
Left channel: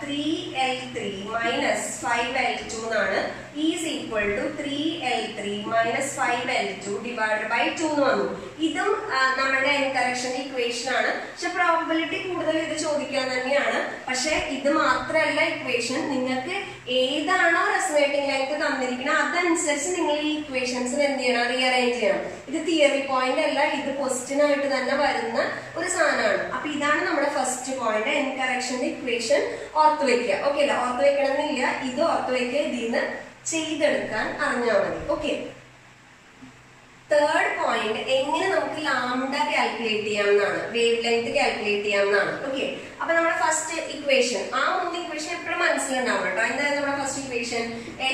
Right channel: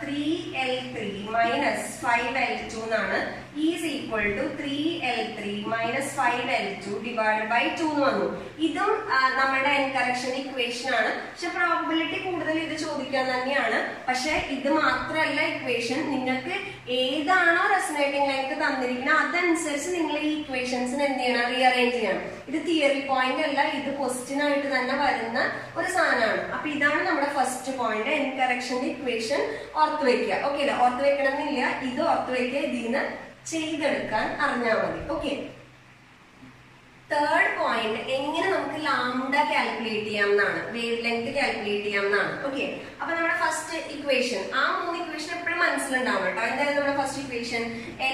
3L3 - 5L2 എന്നാണ്. E is equal to 3L3 - 5L2 divided by 2 എന്ന് വന്നു. ഇതും നമ്മുടെ n കറക്ഷൻ ഇക്വേഷൻ ആണ്. പക്ഷെ പ്രോബബിലിറ്റി കൂടുതൽ ഇത് ചോദിക്കാൻ തന്നെയാണ്. പക്ഷെ ഇത് മാത്രമല്ല ഇക്വേഷൻ, നിങ്ങൾക്ക് ഏതാണോ റെസനേറ്റിംഗ് ലെങ്ത് തന്നിരിക്കുന്നത് അതനുസരിച്ച് നിങ്ങൾ ഈ ഇക്വേഷൻസിന് എന്ത് ചെയ്യണം? റീഅറേഞ്ച് ചെയ്യണം. ഇത് തിയറി പോയിന്റ് അല്ല, ഇത് ക്വസ്റ്റ്യൻ ആയിട്ട് തന്നെ വരുന്ന ഒരു സാധനമാണ്. അപ്പൊ ഇതാണ് നമ്മുടെ ഫസ്റ്റ് പോയിന്റ്, n കറക്ഷന്റെ ഇക്വേഷൻ ഓർത്ത് വെക്കുക. ഓക്കെ അല്ല, ഓർത്ത് വെക്കണമെന്നില്ല, ഇത് ഓർത്ത് വെക്കുക, ഇതിന്ന് ചെയ്തെടുക്കാൻ അറിഞ്ഞാൽ മതി. ഓക്കെ, തേർഡ് പോയിന്റ്, എങ്ങനെ നമുക്ക് ലാംഡ കാൽക്കുലേറ്റ് ചെയ്യാമെന്നാണ്, വേവ് ലെങ്ത് കാൽക്കുലേറ്റ് ചെയ്യാമെന്നാണ്. ഓക്കെ, അപ്പൊ നമ്മുടെ ഫസ്റ്റ് ഇക്വേഷൻ, ആ 3 ഇക്വേഷൻ എപ്പോഴും മനസ്സിലുണ്ടാവും കേട്ടോ. എന്തായാലും നമ്മുടെ first equation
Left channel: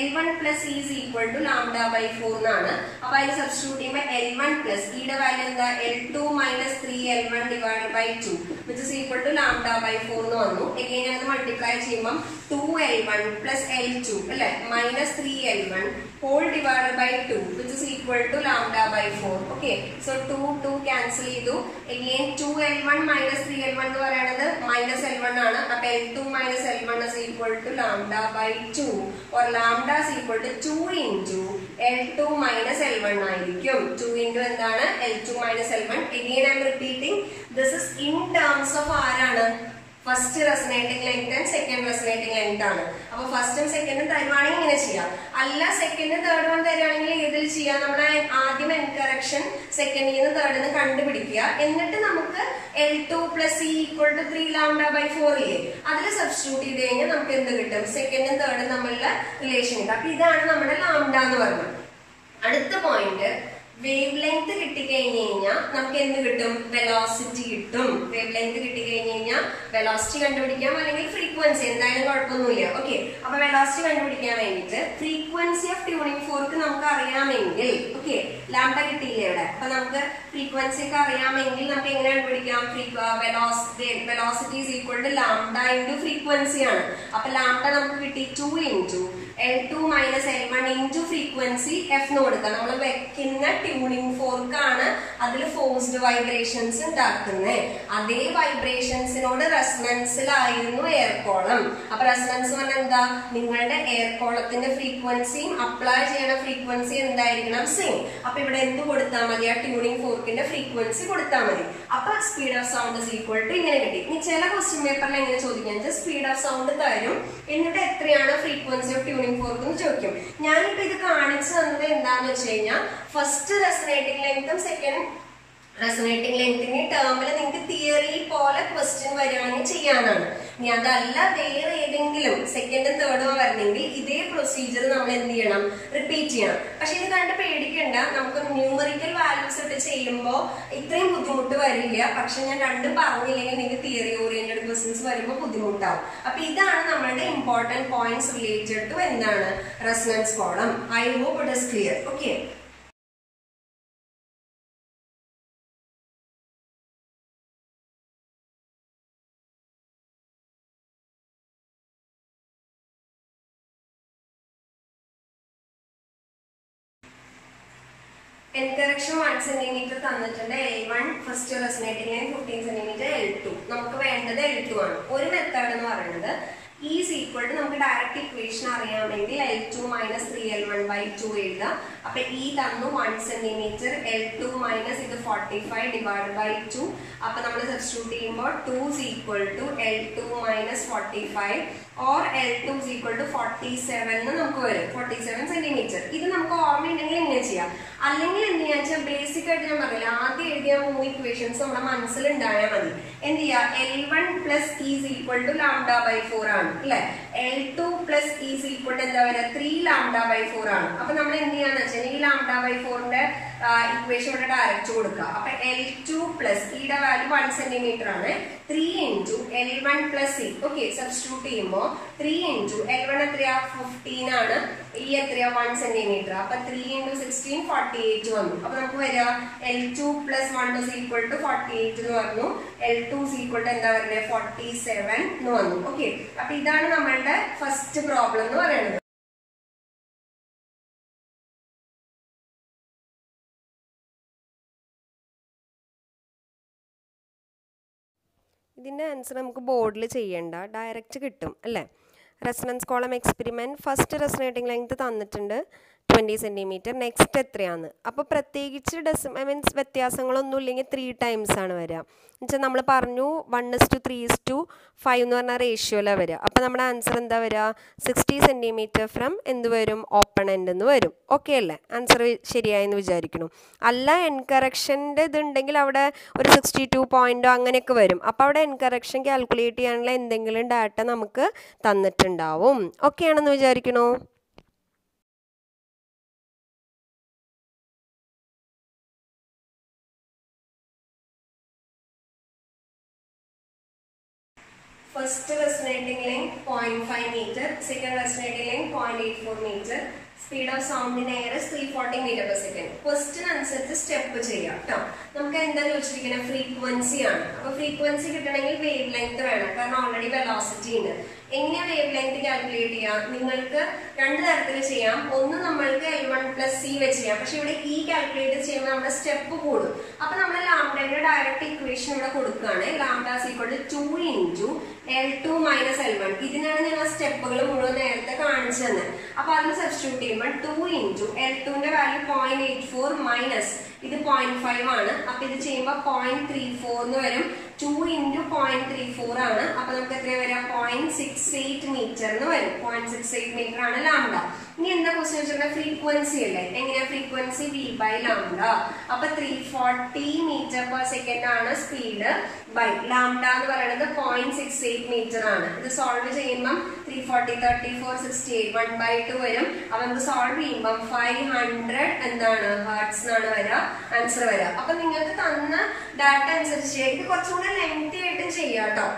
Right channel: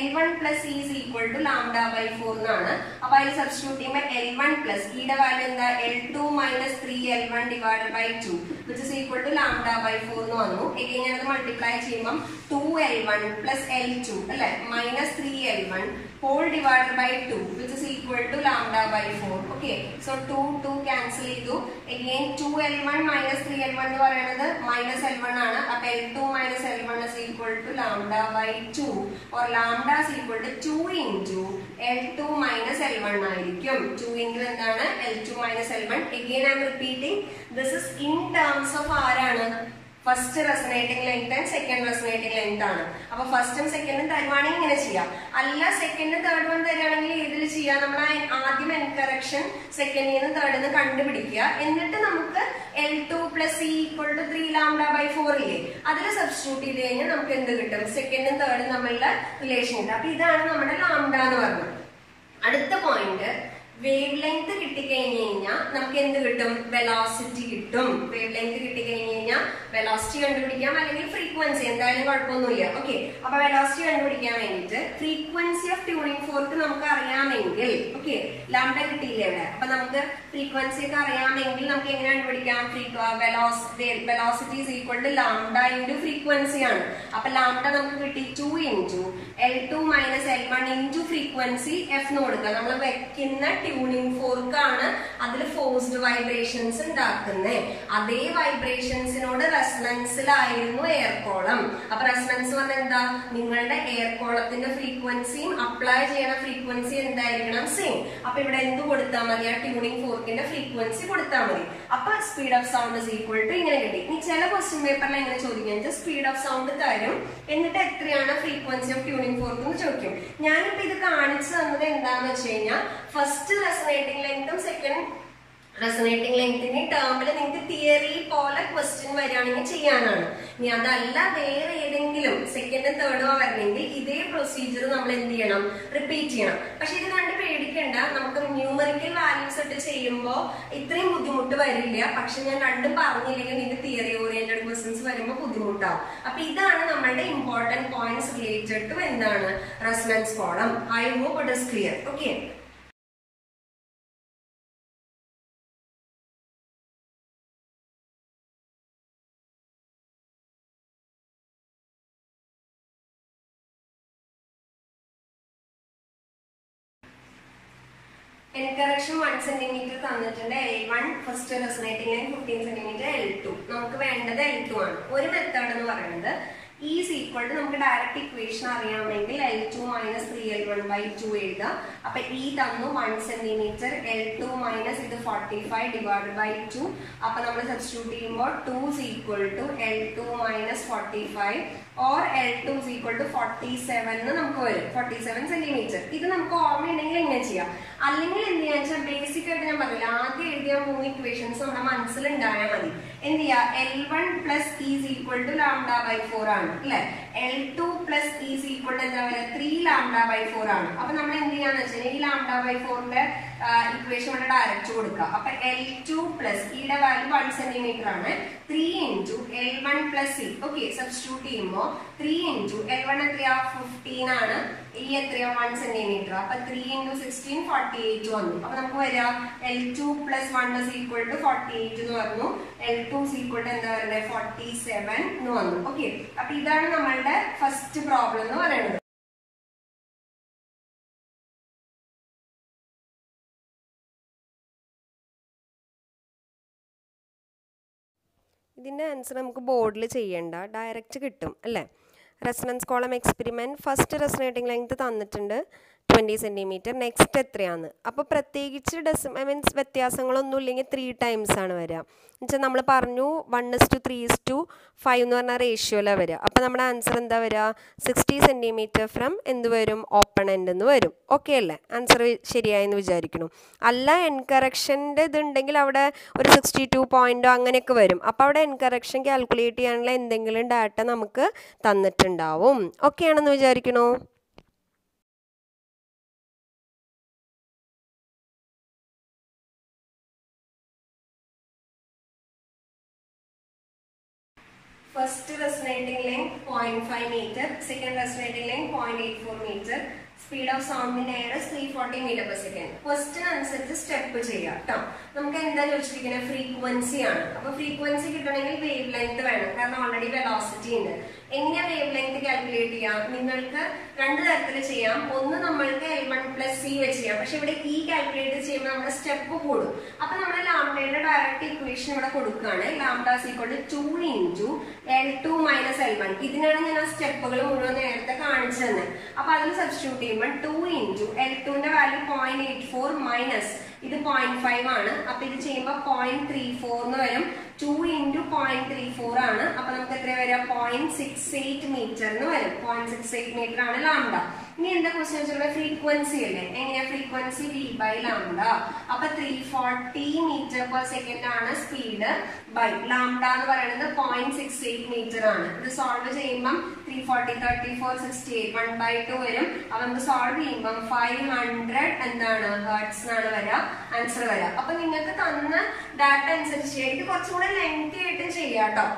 L1 + E is equal to λ/4 എന്നാണ്. അപ്പൊ അതിന് സബ്സ്റ്റിറ്റ്യൂട്ട് ചെയ്യുമ്പോൾ L1 + E യുടെ വാല്യൂ എന്താ? L2 - 3L1 divided by 2 which is equal to λ/4 എന്ന് വന്നു. എഗെയിൻ ഞാനത് മൾട്ടിപ്ലൈ ചെയ്യുമ്പോൾ 2L1 + L2 അല്ലെ -3L1 whole divided by 2 which is equal to λ/4. Okay, so 2 cancel ചെയ്തു. Again 2L1 - 3L1 എന്ന് പറയുന്നത് -L1 ആണ്. അപ്പൊ L2 - L1 is equal to λ/2 or λ is equal to 2 into L2 - L1 ആയിരിക്കും. 2 into എന്താണ്? L2 - L1. Again I am repeating, this is in terms of ആരാണ്? First resonating length and second resonating length ആണ്. അപ്പൊ ഫസ്റ്റും സെക്കൻഡും തരുവാണെങ്കിൽ ഇങ്ങനെ ചെയ്യാം. അല്ല സെക്കൻഡും തേർഡ് വൺ തരുവാണെങ്കിൽ ഏതിൽ ചെയ്യാം? നമ്മൾ ആദ്യം n കറക്ഷൻ സെക്കൻഡിൽ നിന്ന് തേർഡിൽ നിന്ന് കണ്ടുപിടിക്കുക. എന്നിട്ട് നമുക്ക് L2 + E equal to 3 λ/4 ഇല്ലേ, അതിൽ സബ്സ്റ്റിറ്റ്യൂട്ട് ചെയ്ത് കഴിഞ്ഞാൽ നമുക്ക് എന്ത് കിട്ടും? സെക്കൻഡും തേർഡും തമ്മിലുള്ള റിലേഷൻ കിട്ടും. അപ്പൊ ഇതാണ് നമ്മുടെ ലാംഡ എന്ന് പറഞ്ഞത്. അടുത്ത പോയിന്റ്, വേവ് ലെങ്ത് കിട്ടിക്കഴിഞ്ഞ് കഴിഞ്ഞാൽ നമുക്ക് എന്ത് കിട്ടും? വെലോസിറ്റി കിട്ടും. വേവ് ലെങ്ത് കിട്ടിക്കഴിഞ്ഞ് കഴിഞ്ഞാൽ വെലോസിറ്റി കണ്ടുപിടിക്കാം, അല്ലെങ്കിൽ ഫ്രീക്വൻസി, എന്തായാലും കുഴപ്പമൊന്നുമില്ല. ഓക്കെ, അപ്പൊ വെലോസിറ്റി കണ്ടുപിടിക്കാൻ വേണ്ടിയിട്ട് ഫ്രീക്വൻസി ഓഫ് ട്യൂണിംഗ് ഫോർക്ക് നമുക്ക് അറിയാമെങ്കിൽ, ഓക്കെ, ലാംഡ കിട്ടിയില്ലേ ഇവിടെ, അപ്പൊ നമുക്ക് ഫ്രീക്വൻസി ഒക്കെ അറിയാമെങ്കിൽ നമുക്ക് എങ്ങനെ കണ്ടുപിടിക്കാം? Velocity is equal to lambda into frequency ആണ്. അപ്പൊ ലാംഡ നമുക്ക് കിട്ടി 2 into L2 minus L1 into frequency F എന്ന് കൊടുക്കുക. നമ്മൾ വെക്കുന്ന ട്യൂണിംഗ് ഫോർക്കാണ് അതിൽ ഫോഴ്സ്ഡ് വൈബ്രേഷൻസ് ഉണ്ടാക്കുന്നത്. അതേ വൈബ്രേഷൻസിനോട് റെസണൻസിലായിരുന്നു എയർ കോളം. അപ്പൊ റെസണൻസ് പറഞ്ഞാൽ എന്താ? നിങ്ങളുടെ എയർ കോളത്തിന്റെ ഫ്രീക്വൻസിയും അപ്ലൈ ചെയ്യുന്ന ഫ്രീക്വൻസി എന്തായിരിക്കണം? സെയിം. അപ്പൊ ഇവിടെ എന്ത് കൊടുത്താൽ മതി? ആ ട്യൂണിംഗ് ഫോർക്കിന്റെ ഫ്രീക്വൻസി കൊടുത്താൽ മതി. അപ്പൊ speed of sound is equal to ഇങ്ങനെ കിട്ടി. ഇനി ചില ക്വസ്റ്റ്യൻ പേപ്പറിൽ എങ്ങനെ ചോദിക്കാൻ, സ്പീഡ് ഓഫ് സൗണ്ട് തരും, എന്നിട്ട് എത്രയാണ് ഫ്രീക്വൻസി ഓഫ് ട്യൂണിംഗ് ഫോർക്ക് എന്ന് ചോദിക്കും. ഞാനിപ്പോ ഇത് കാണിച്ചു തന്നത് എന്താന്ന് വെച്ച് കഴിഞ്ഞാൽ ഫസ്റ്റ് റെസണേറ്റിംഗ് ലെങ്തും സെക്കൻഡ് റെസണേറ്റിംഗ് ലെങ്തിന്റെ ടേമിൽ നിങ്ങൾക്ക് തിയറി പോലെ ക്വസ്റ്റ്യൻ വരികയാണെങ്കിൽ ചെയ്യാനാണ്. ഇനി അതല്ല വേറെ ഏതെങ്കിലും സെക്കൻഡും തേർഡും വരണമെങ്കിൽ ഇതേ പ്രൊസീജിയർ നമ്മൾ എന്ത് ചെയ്യണം? റിപ്പീറ്റ് ചെയ്യണം. പക്ഷെ ഇത് കണ്ട് പേടിക്കണ്ട, നമുക്ക് ന്യൂമറിക്കൽ വാല്യൂസ് ഒക്കെ ചെയ്യുമ്പോൾ ഇത്രയും ബുദ്ധിമുട്ട് വരില്ല. പക്ഷെ ഞാൻ രണ്ടും പറഞ്ഞില്ലെങ്കിൽ നിങ്ങൾക്ക് തിയറി ഓറിയന്റഡ് ക്വസ്റ്റ്യൻസ് വരുമ്പോൾ ബുദ്ധിമുട്ടാവും. അപ്പൊ ഇതാണ് നമ്മളുടെ ഇമ്പോർട്ടന്റ് പോയിന്റ്സ് റിലേറ്റഡ് ടു എന്താണ്? Resonance column. I hope it is clear. Okay, end correction 1 centimetre തന്നിട്ടുണ്ട്. L1 first resonating line 15 centimetre, L2 നമുക്ക് വേണ്ടത് L2 ആണ്. ഒരു മെത്തേഡ് എന്ന് പറയുന്നത് ഈസ് ഈക്വൽ ടു നമുക്ക് ഡയറക്റ്റ് ഇക്വേഷൻ അറിയാമെങ്കിൽ L2 മൈനസ് 3L1/2 എഴുതാം. അപ്പൊ ഈ തന്നു 1 സെന്റിമീറ്റർ, L2 മൈനസ് ഇത് 45 ഡിവൈഡ് ബൈ 2. അപ്പൊ നമ്മൾ സബ്സ്റ്റിറ്റ്യൂട്ട് ചെയ്യുമ്പോൾ 2 is equal to L2 minus 45 or L2 is equal to 47 എന്ന് നമുക്ക് വരും. 47 സെന്റിമീറ്റർ. ഇത് നമുക്ക് ഓർമ്മയുണ്ടെങ്കിൽ ഇങ്ങനെ ചെയ്യാം. അല്ലെങ്കിൽ എന്ത് ചെയ്യാന്ന് വെച്ചാൽ ബേസിക് ആയിട്ട് ഞാൻ പറഞ്ഞില്ല, ആദ്യം എഴുതിയ 3 ഇക്വേഷൻസ് നമ്മുടെ മനസ്സിൽ ഉണ്ടായാൽ മതി. എന്ത് ചെയ്യാം? L1 plus is equal to λ/4 ആണ് അല്ലെ. L2 plus is equal to എന്താ വരിക? 3 λ/4 ആണ്. അപ്പൊ നമ്മൾ എന്ത് ചെയ്യാന്ന് വെച്ചാൽ ഈ λ/4ന്റെ ഇക്വേഷൻ ഇവിടെ ഡയറക്റ്റ് കൊടുക്കുക. അപ്പൊ L2 പ്ലസ് ഈയുടെ വാല്യൂ 1 സെന്റിമീറ്റർ ആണ്. 3 into L1 plus E. Okay, substitute ചെയ്യുമ്പോൾ 3 ഇൻറ്റു L1 എത്രയാ? 15 ആണ്. ഈ എത്രയാ? 1 സെന്റിമീറ്റർ. അപ്പൊ 3 ഇൻറ്റു 16 48 വന്നു. അപ്പൊ നമുക്ക് വരാ L2 plus 1 is equal to 48 എന്ന് പറഞ്ഞു. L2 ഇസ് ഈക്വൽ ടു എന്താ പറയുന്നത്? 47 എന്ന് വന്നു. ഓക്കെ, അപ്പൊ ഇതാണ് നമ്മളുടെ ഫസ്റ്റ് പ്രോബ്ലം എന്ന് പറയുന്നത്. ഇതിൻ്റെ ആൻസർ നമുക്ക് ബോർഡിൽ ചെയ്യേണ്ട, ഡയറക്റ്റ് കിട്ടും അല്ലേ. Resonance column experiment first resonating length തന്നിട്ടുണ്ട് 20 സെൻറ്റിമീറ്റർ. നെക്സ്റ്റ് എത്രയാണ്? അപ്പോൾ പ്രത്യേകിച്ച് മീൻസ് വ്യത്യാസങ്ങളൊന്നും ഇല്ലെങ്കിൽ 3 ടൈംസ് ആണ് വരിക. എന്നുവെച്ചാൽ നമ്മൾ പറഞ്ഞു 1:3:5 എന്ന് പറഞ്ഞ റേഷ്യോയിലാണ് വരിക. അപ്പോൾ നമ്മുടെ ആൻസർ എന്താ വരിക? 60 സെൻറ്റിമീറ്റർ ഫ്രം എന്ത് വരും? ഓപ്പൺ എൻഡ് എന്ന് വരും. ഓക്കെ അല്ലേ? ആൻസർ ശരിയായെന്ന് വിചാരിക്കുന്നു. അല്ല എൻകറക്ഷൻ്റെ ഇതുണ്ടെങ്കിൽ അവിടെ ഒരു 62 പോയിൻറ്റോ അങ്ങനെയൊക്കെ വരും. അപ്പോൾ അവിടെ എൻകറക്ഷൻ കാൽക്കുലേറ്റ് ചെയ്യാനുള്ള എന്തെങ്കിലും ഡാറ്റ നമുക്ക് തന്നിട്ടുണ്ടാവും. ഓക്കെ ആണെന്ന് വിചാരിക്കണോ? First resonating length 0.5 meter, second resonating length 0.84 meter, speed of sound in air is 340 meter per second. Question അനുസരിച്ച് സ്റ്റെപ്പ് ചെയ്യാം കേട്ടോ. നമുക്ക് എന്താ ചോദിച്ചിരിക്കുന്നത്? ഫ്രീക്വൻസി ആണ്. അപ്പൊ ഫ്രീക്വൻസി കിട്ടണമെങ്കിൽ വേവ് ലെങ്ത് വേണം, കാരണം ഓൾറെഡി വെലോസിറ്റി ഉണ്ട്. എങ്ങനെയാ വേവ് ലെങ്ത് കാൽക്കുലേറ്റ് ചെയ്യാം? നിങ്ങൾക്ക് 2 തരത്തിൽ ചെയ്യാം. ഒന്ന് നമ്മൾക്ക് L1 പ്ലസ് സി വെച്ച് ചെയ്യാം. പക്ഷെ ഇവിടെ ഈ കാൽക്കുലേറ്റ് ചെയ്യുമ്പോൾ നമ്മുടെ സ്റ്റെപ്പ് കൂടും. അപ്പൊ നമ്മൾ ലാംഡയുടെ ഡയറക്റ്റ് ഇക്വേഷൻ ഇവിടെ കൊടുക്കുകയാണ്. Lambda is equal to 2 into L2 minus L1. ഇതിനാണ് ഞാൻ ആ സ്റ്റെപ്പുകൾ മുഴുവൻ നേരത്തെ കാണിച്ചു തന്നെ. അപ്പൊ അതിൽ സബ്സ്റ്റിറ്റ്യൂട്ട് ചെയ്യുമ്പോൾ 2 ഇൻറ്റു L2ന്റെ വാല്യൂ 0.84 മൈനസ് ഇത് 0.5 ആണ്. അപ്പൊ ഇത് ചെയ്യുമ്പോൾ 0.34 എന്ന് വരും. 2 ഇൻറ്റു 0.34 ആണ്. അപ്പൊ നമുക്ക് എത്ര വരാം? 0.68 മീറ്റർ എന്ന് വരും. 0.68 മീറ്റർ ആണ് ലാംഡ. ഇനി എന്താ ക്വസ്റ്റ്യൻ വെച്ചാൽ ഫ്രീക്വൻസി അല്ലേ? എങ്ങനെയാ ഫ്രീക്വൻസി? v by lambda. അപ്പൊ 340 മീറ്റർ പെർ സെക്കൻഡ് ആണ് സ്പീഡ് ബൈ ലാംഡ എന്ന് പറയുന്നത് 0.68 മീറ്റർ ആണ്. ഇത് സോൾവ് ചെയ്യുമ്പോൾ 340, 34, 68, 1/2 വരും. അപ്പൊ നമുക്ക് സോൾവ് ചെയ്യുമ്പോൾ 500 എന്താണ് ഹെർട്സ് എന്നാണ് വരിക, ആൻസർ വരിക. അപ്പൊ നിങ്ങൾക്ക് തന്ന ഡാറ്റ അനുസരിച്ച് ചെയ്യാം. ഇത് കുറച്ചുകൂടെ ലെങ്തി ആയിട്ടും ചെയ്യാം കേട്ടോ.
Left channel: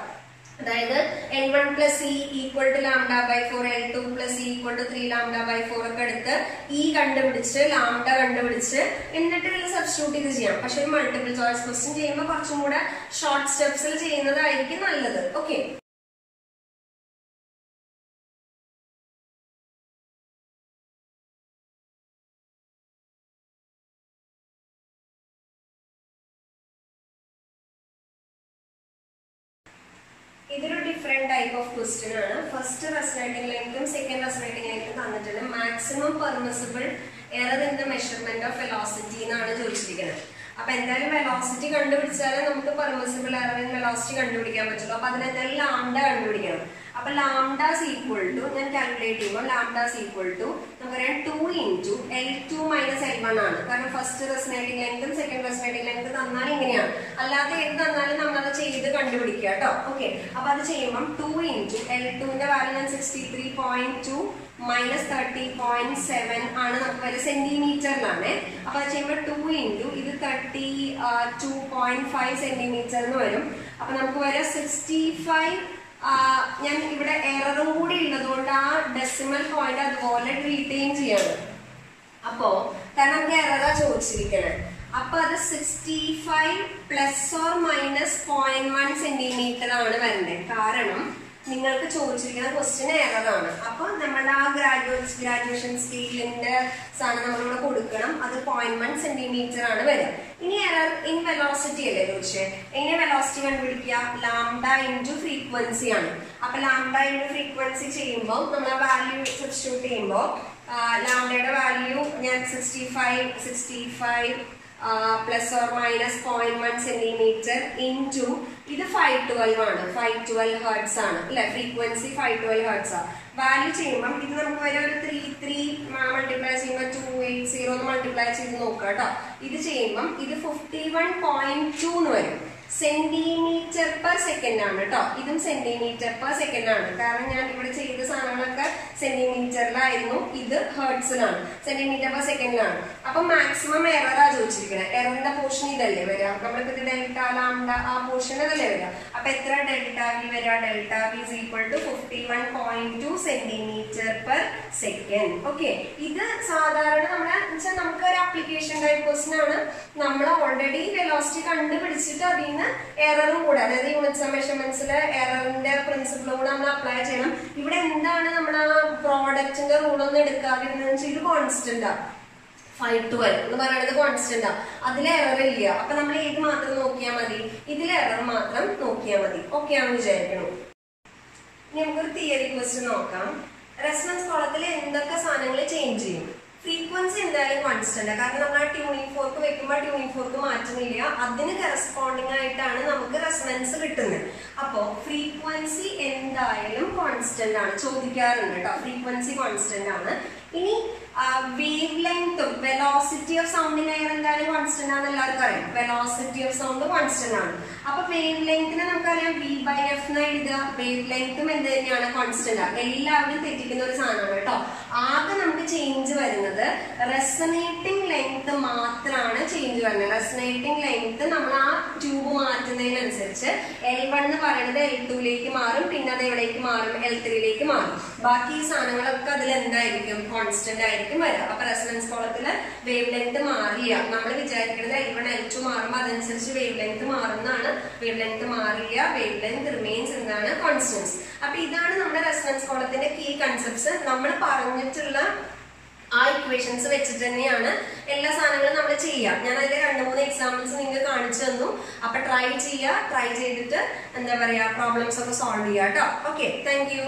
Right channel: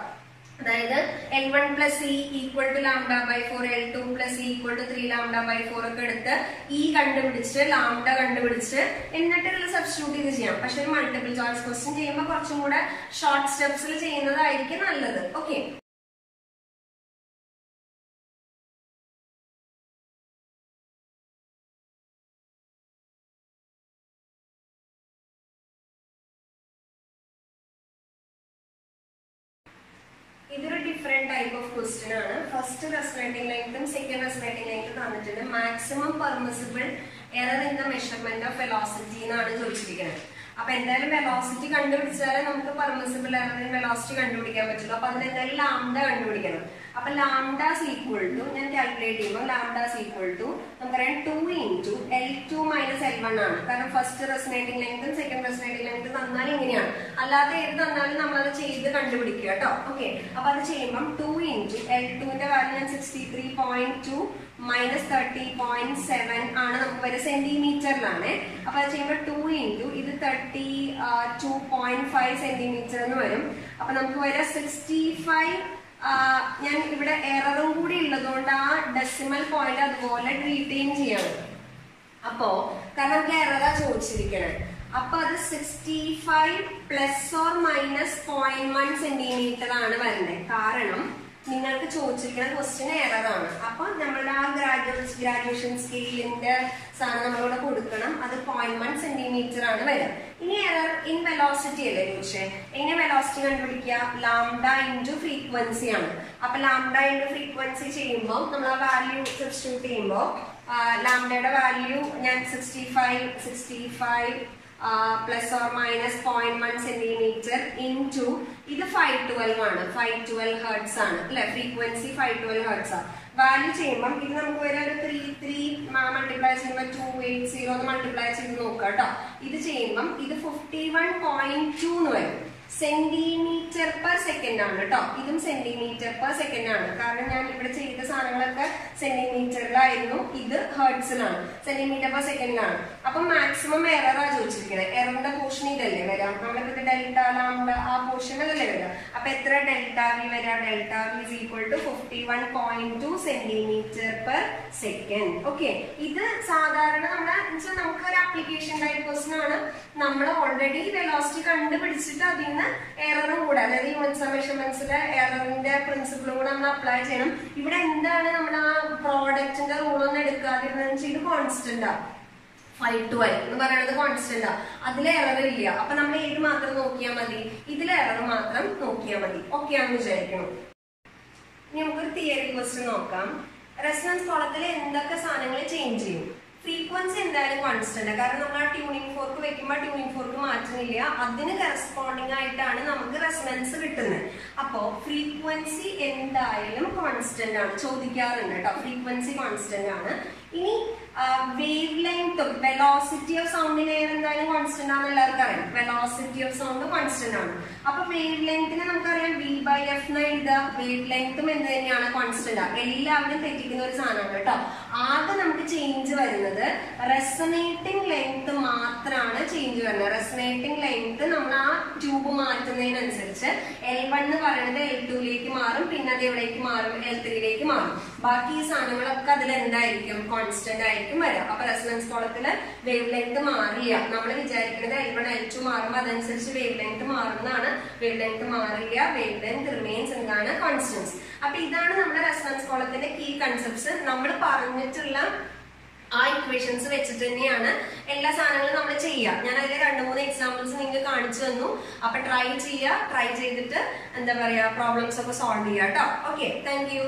അതായത് L1 plus E equal to lambda by 4, L2 plus E equal to 3 lambda by 4 ഒക്കെ എടുത്ത് E കണ്ടുപിടിച്ച് ലാംഡ കണ്ടുപിടിച്ച് എന്നിട്ട് ഇതിൽ സബ്സ്റ്റിറ്റ്യൂട്ട് ചെയ്ത് ചെയ്യാം. പക്ഷെ മൾട്ടിപ്പിൾ ചോയ്സ് ക്വസ്റ്റ്യൻ ചെയ്യുമ്പോൾ കുറച്ചും കൂടെ ഷോർട്ട് സ്റ്റെപ്സിൽ ചെയ്യുന്നതായിരിക്കും നല്ലത്. ഓക്കെ, ഇതൊരു ഡിഫറെന്റ് ടൈപ്പ് ഓഫ് ക്വസ്റ്റ്യൻ ആണ്. ഫസ്റ്റ് റെസൊനേറ്റിംഗ് ലെങ്തും സെക്കൻഡ് റെസൊനേറ്റിംഗ് ലെങ്തും തന്നിട്ടുണ്ട്. Maximum permissible error in the measurement of velocity എന്നാണ് ചോദിച്ചിരിക്കുന്നത്. അപ്പൊ എന്തായാലും വെലോസിറ്റി കണ്ടുപിടിച്ചാലേ നമുക്ക് പെർമിസിബിൾ എറർ ഇൻ വെലോസിറ്റി കണ്ടുപിടിക്കാൻ പറ്റുള്ളൂ. അപ്പൊ അതിനെന്തായാലും ലാംഡ കണ്ടുപിടിക്കണം. അപ്പൊ ലാംഡാസ് ഈക്വൽ ടു ഞാൻ കാൽക്കുലേറ്റ് ചെയ്യുമ്പോൾ ലാംഡാസ് ഈക്വൽ ടു നമുക്കറിയാം 2 into L2 minus L1 ആണ്. കാരണം ഫസ്റ്റ് റെസൊനേറ്റിംഗ് ലെങ്തും സെക്കൻഡ് റെസൊനേറ്റിംഗ് ലെങ്ത് തന്നാൽ ഇങ്ങനെയാണ്. അല്ലാതെ ഏത് തന്നാലും നമ്മളത് ചെയ്ത് കണ്ടുപിടിക്കുക കേട്ടോ. ഓക്കെ, അപ്പൊ അത് ചെയ്യുമ്പോൾ 2 into L2ന്റെ വാല്യൂ ഞാൻ 63.2 minus 30.7 ആണ് നമുക്ക് വരെ സെന്റിമീറ്ററിലാണ്. അപ്പൊ അത് ചെയ്യുമ്പോൾ 2 into ഇത് 32.5 സെന്റിമീറ്റർ എന്ന് വരും. അപ്പൊ നമുക്ക് വരെ 65. ഞാൻ ഇവിടെ എററും കൂടി ഉള്ളതുകൊണ്ട് ആ ഡെസിമൽ പോയിന്റ് അതുപോലെ റീറ്റെയിൻ ചെയ്യാണ്. അപ്പോ കാരണം നമുക്ക് എററാ ചോദിച്ചിരിക്കണേ. അപ്പൊ അത് 65 പ്ലസ് ഓർ മൈനസ് 0.1 സെന്റിമീറ്റർ ആണ് വരേണ്ടത്. കാരണം നിങ്ങൾക്ക് ചോദിച്ചിരിക്കുന്ന ക്വസ്റ്റ്യൻ എററാണ്. അപ്പൊ നമ്മളുടെ ആ ഗ്രാജുവേഷൻ സ്കെയിലിന്റെ സാധനം നമ്മളിവിടെ കൊടുക്കണം. അത് 0.1 സെന്റിമീറ്റർ ആണ് വരിക. ഇനി എറർ ഇൻ വെലോസിറ്റി അല്ലേ ചോദിച്ചേ. എങ്ങനെ വെലോസിറ്റി കണ്ടുപിടിക്കുക? ലാംഡ ഇൻറ്റു ഫ്രീക്വൻസി ആണ്. അപ്പൊ ലാംഡ ഇൻറ്റു ഫ്രീക്വൻസി ചെയ്യുമ്പോൾ നമ്മൾ ആ വാല്യൂ സബ്സ്റ്റിറ്റ്യൂട്ട് ചെയ്യുമ്പോൾ ലാംഡയുടെ വാല്യൂ ഞാൻ 65 plus or minus 0.1 centimetre into ഇത് 512 ആണ്. 512 ഹെർട്സ് ആണ് അല്ലെ. ഫ്രീക്വൻസി 512 ഹെർട്സ് ആണ്. വാല്യൂ ചെയ്യുമ്പോൾ ഇത് നമുക്ക് വരെ ഒരു 3 മൾട്ടിപ്ലൈ ചെയ്യുമ്പോൾ 280 എന്ന് മൾട്ടിപ്ലൈ ചെയ്ത് നോക്കാം കേട്ടോ. ഇത് ചെയ്യുമ്പം ഇത് 51.2 എന്ന് വരും. സെന്റിമീറ്റർ പെർ സെക്കൻഡ് ആണ് കേട്ടോ. ഇതും സെന്റിമീറ്റർ പെർ സെക്കൻഡ് ആണ്. കാരണം ഞാൻ ഇവിടെ ചെയ്ത സാധനങ്ങളൊക്കെ സെന്റിമീറ്ററിലായിരുന്നു, ഇത് ഹെർട്സിലാണ്, സെന്റിമീറ്റർ പെർ സെക്കൻഡിലാണ്. അപ്പൊ മാക്സിമം എററാ ചോദിച്ചിരിക്കുന്നത്. എററിന്റെ പോർഷൻ ഇതല്ലേ വരാം. നമ്മളിപ്പോ ഇത് ഡെൽറ്റ ലാംഡ ആ പോർഷൻ അതല്ലേ വരാം. അപ്പൊ എത്ര ഡെൽറ്റ വി വരാം? Delta V is equal to 51.2 centimetre per second. Okay, ഇത് സാധാരണ നമ്മുടെ നമുക്ക് ഒരു ആപ്ലിക്കേഷൻ ടൈപ്പ് ക്വസ്റ്റ്യൻ ആണ്. നമ്മൾ ഓൾറെഡി വെലോസിറ്റി കണ്ടുപിടിച്ചിട്ട് അതിൽ നിന്ന് എററും കൂടെ, അതായത് യൂണിറ്റ്സ് മെഷർമെന്റ്സിലെ എററിന്റെ പ്രിൻസിപ്പിളും കൂടെ നമ്മൾ അപ്ലൈ ചെയ്യണം. ഇവിടെ എന്താണ് നമ്മുടെ ആ പ്രോഡക്റ്റിന്റെ റൂളൊന്നും എടുക്കാതിരുന്നതെന്ന് വെച്ചാൽ ഇത് കോൺസ്റ്റന്റ് ആണ്. 512 എന്ന് പറയുന്നത് കോൺസ്റ്റന്റ് ആണ്. അതിൽ എറർ ഇല്ല. അപ്പൊ നമ്മൾ ഏത് മാത്രം നോക്കിയാൽ മതി? ഇതിലെ എറർ മാത്രം നോക്കിയാൽ മതി. ഓക്കെ ആണെന്ന് വിചാരിക്കണം. ഇനി നമുക്കൊരു തിയറി ക്വസ്റ്റ്യൻ നോക്കാം. റെസൊണൻസ് കോളത്തിൽ എന്തൊക്കെ സാധനങ്ങൾ ചേഞ്ച് ചെയ്യും? ഫ്രീക്വൻസി എന്തായാലും കോൺസ്റ്റന്റ്. കാരണം നമ്മൾ ആ ട്യൂണിംഗ് ഫോർക്ക് വെക്കുമ്പോൾ ട്യൂണിംഗ് ഫോർക്ക് മാറ്റുന്നില്ല. അതിന് കറസ്പോണ്ടിങ് ആയിട്ടാണ് നമുക്ക് റെസൊണൻസ് കിട്ടുന്നത്. അപ്പോ ഫ്രീക്വൻസി എന്തായാലും കോൺസ്റ്റന്റ് ആണ്. ചോദിക്കാറുണ്ട് കേട്ടോ. ഫ്രീക്വൻസി കോൺസ്റ്റന്റ് ആണ്. ഇനി വേവ് ലെങ്ത്തും വെലോസിറ്റി ഓഫ് സൗണ്ടിന്റെ എന്തായാലും കോൺസ്റ്റന്റ് ആണെന്ന് എല്ലാവർക്കും അറിയാം. വെലോസിറ്റി ഓഫ് സൗണ്ട് കോൺസ്റ്റന്റ് ആണ്. അപ്പൊ വേവ് ലെങ്തിന് നമുക്കറിയാം V/F എന്ന് എഴുതുക. വേവ് ലെങ്ത്തും എന്ത് തന്നെയാണ്? കോൺസ്റ്റന്റ് ആണ്. എല്ലാവരും തെറ്റിക്കുന്ന ഒരു സാധനമാണ് കേട്ടോ. ആകെ നമുക്ക് ചേഞ്ച് വരുന്നത് റെസൊനേറ്റിംഗ് ലെങ്ത് മാത്രമാണ് ചേഞ്ച് വരുന്നത്. റെസൊനേറ്റിംഗ് ലെങ്ത് നമ്മൾ ആ ട്യൂബ് മാറ്റുന്നതിനനുസരിച്ച് L1 എന്ന് പറയുന്നത് L2ലേക്ക് മാറും. പിന്നെ അത് എവിടേക്ക് മാറും? L3ലേക്ക് മാറും. ബാക്കി ഈ സാധനങ്ങളൊക്കെ അതിൽ എന്തായിരിക്കും? കോൺസ്റ്റന്റ് ആയിരിക്കും വരാം. അപ്പൊ റെസൊണൻസ് കോളത്തില് വേവ് ലെങ്ത് മാറില്ല. നമ്മൾ വിചാരിക്കുന്നത് L1 L2 മാറുമ്പോൾ അതനുസരിച്ച് വേവ് ലെങ്ത് മാറുന്നതാണ്. വേവ് ലെങ്ത് മാറില്ല. വേവ് ലെങ്ത് റിമെയിൻസ് എന്താണ്? കോൺസ്റ്റൻസ്. അപ്പൊ ഇതാണ് നമ്മുടെ റെസൊണൻസ് കോളത്തിന്റെ കീ കൺസെപ്റ്റ്സ്. നമ്മൾ പറഞ്ഞിട്ടുള്ള ആ ഇക്വേഷൻസ് വെച്ചിട്ട് തന്നെയാണ് എല്ലാ സാധനങ്ങളും നമ്മൾ ചെയ്യുക. ഞാൻ അതിൽ 2-3 എക്സാമ്പിൾസ് നിങ്ങൾക്ക് കാണിച്ചു തന്നു. അപ്പൊ ട്രൈ ചെയ്യുക. ട്രൈ ചെയ്തിട്ട് എന്താ പറയാ പ്രോബ്ലംസ് ഒക്കെ സോൾവ് ചെയ്യുക കേട്ടോ. Okay, thank you.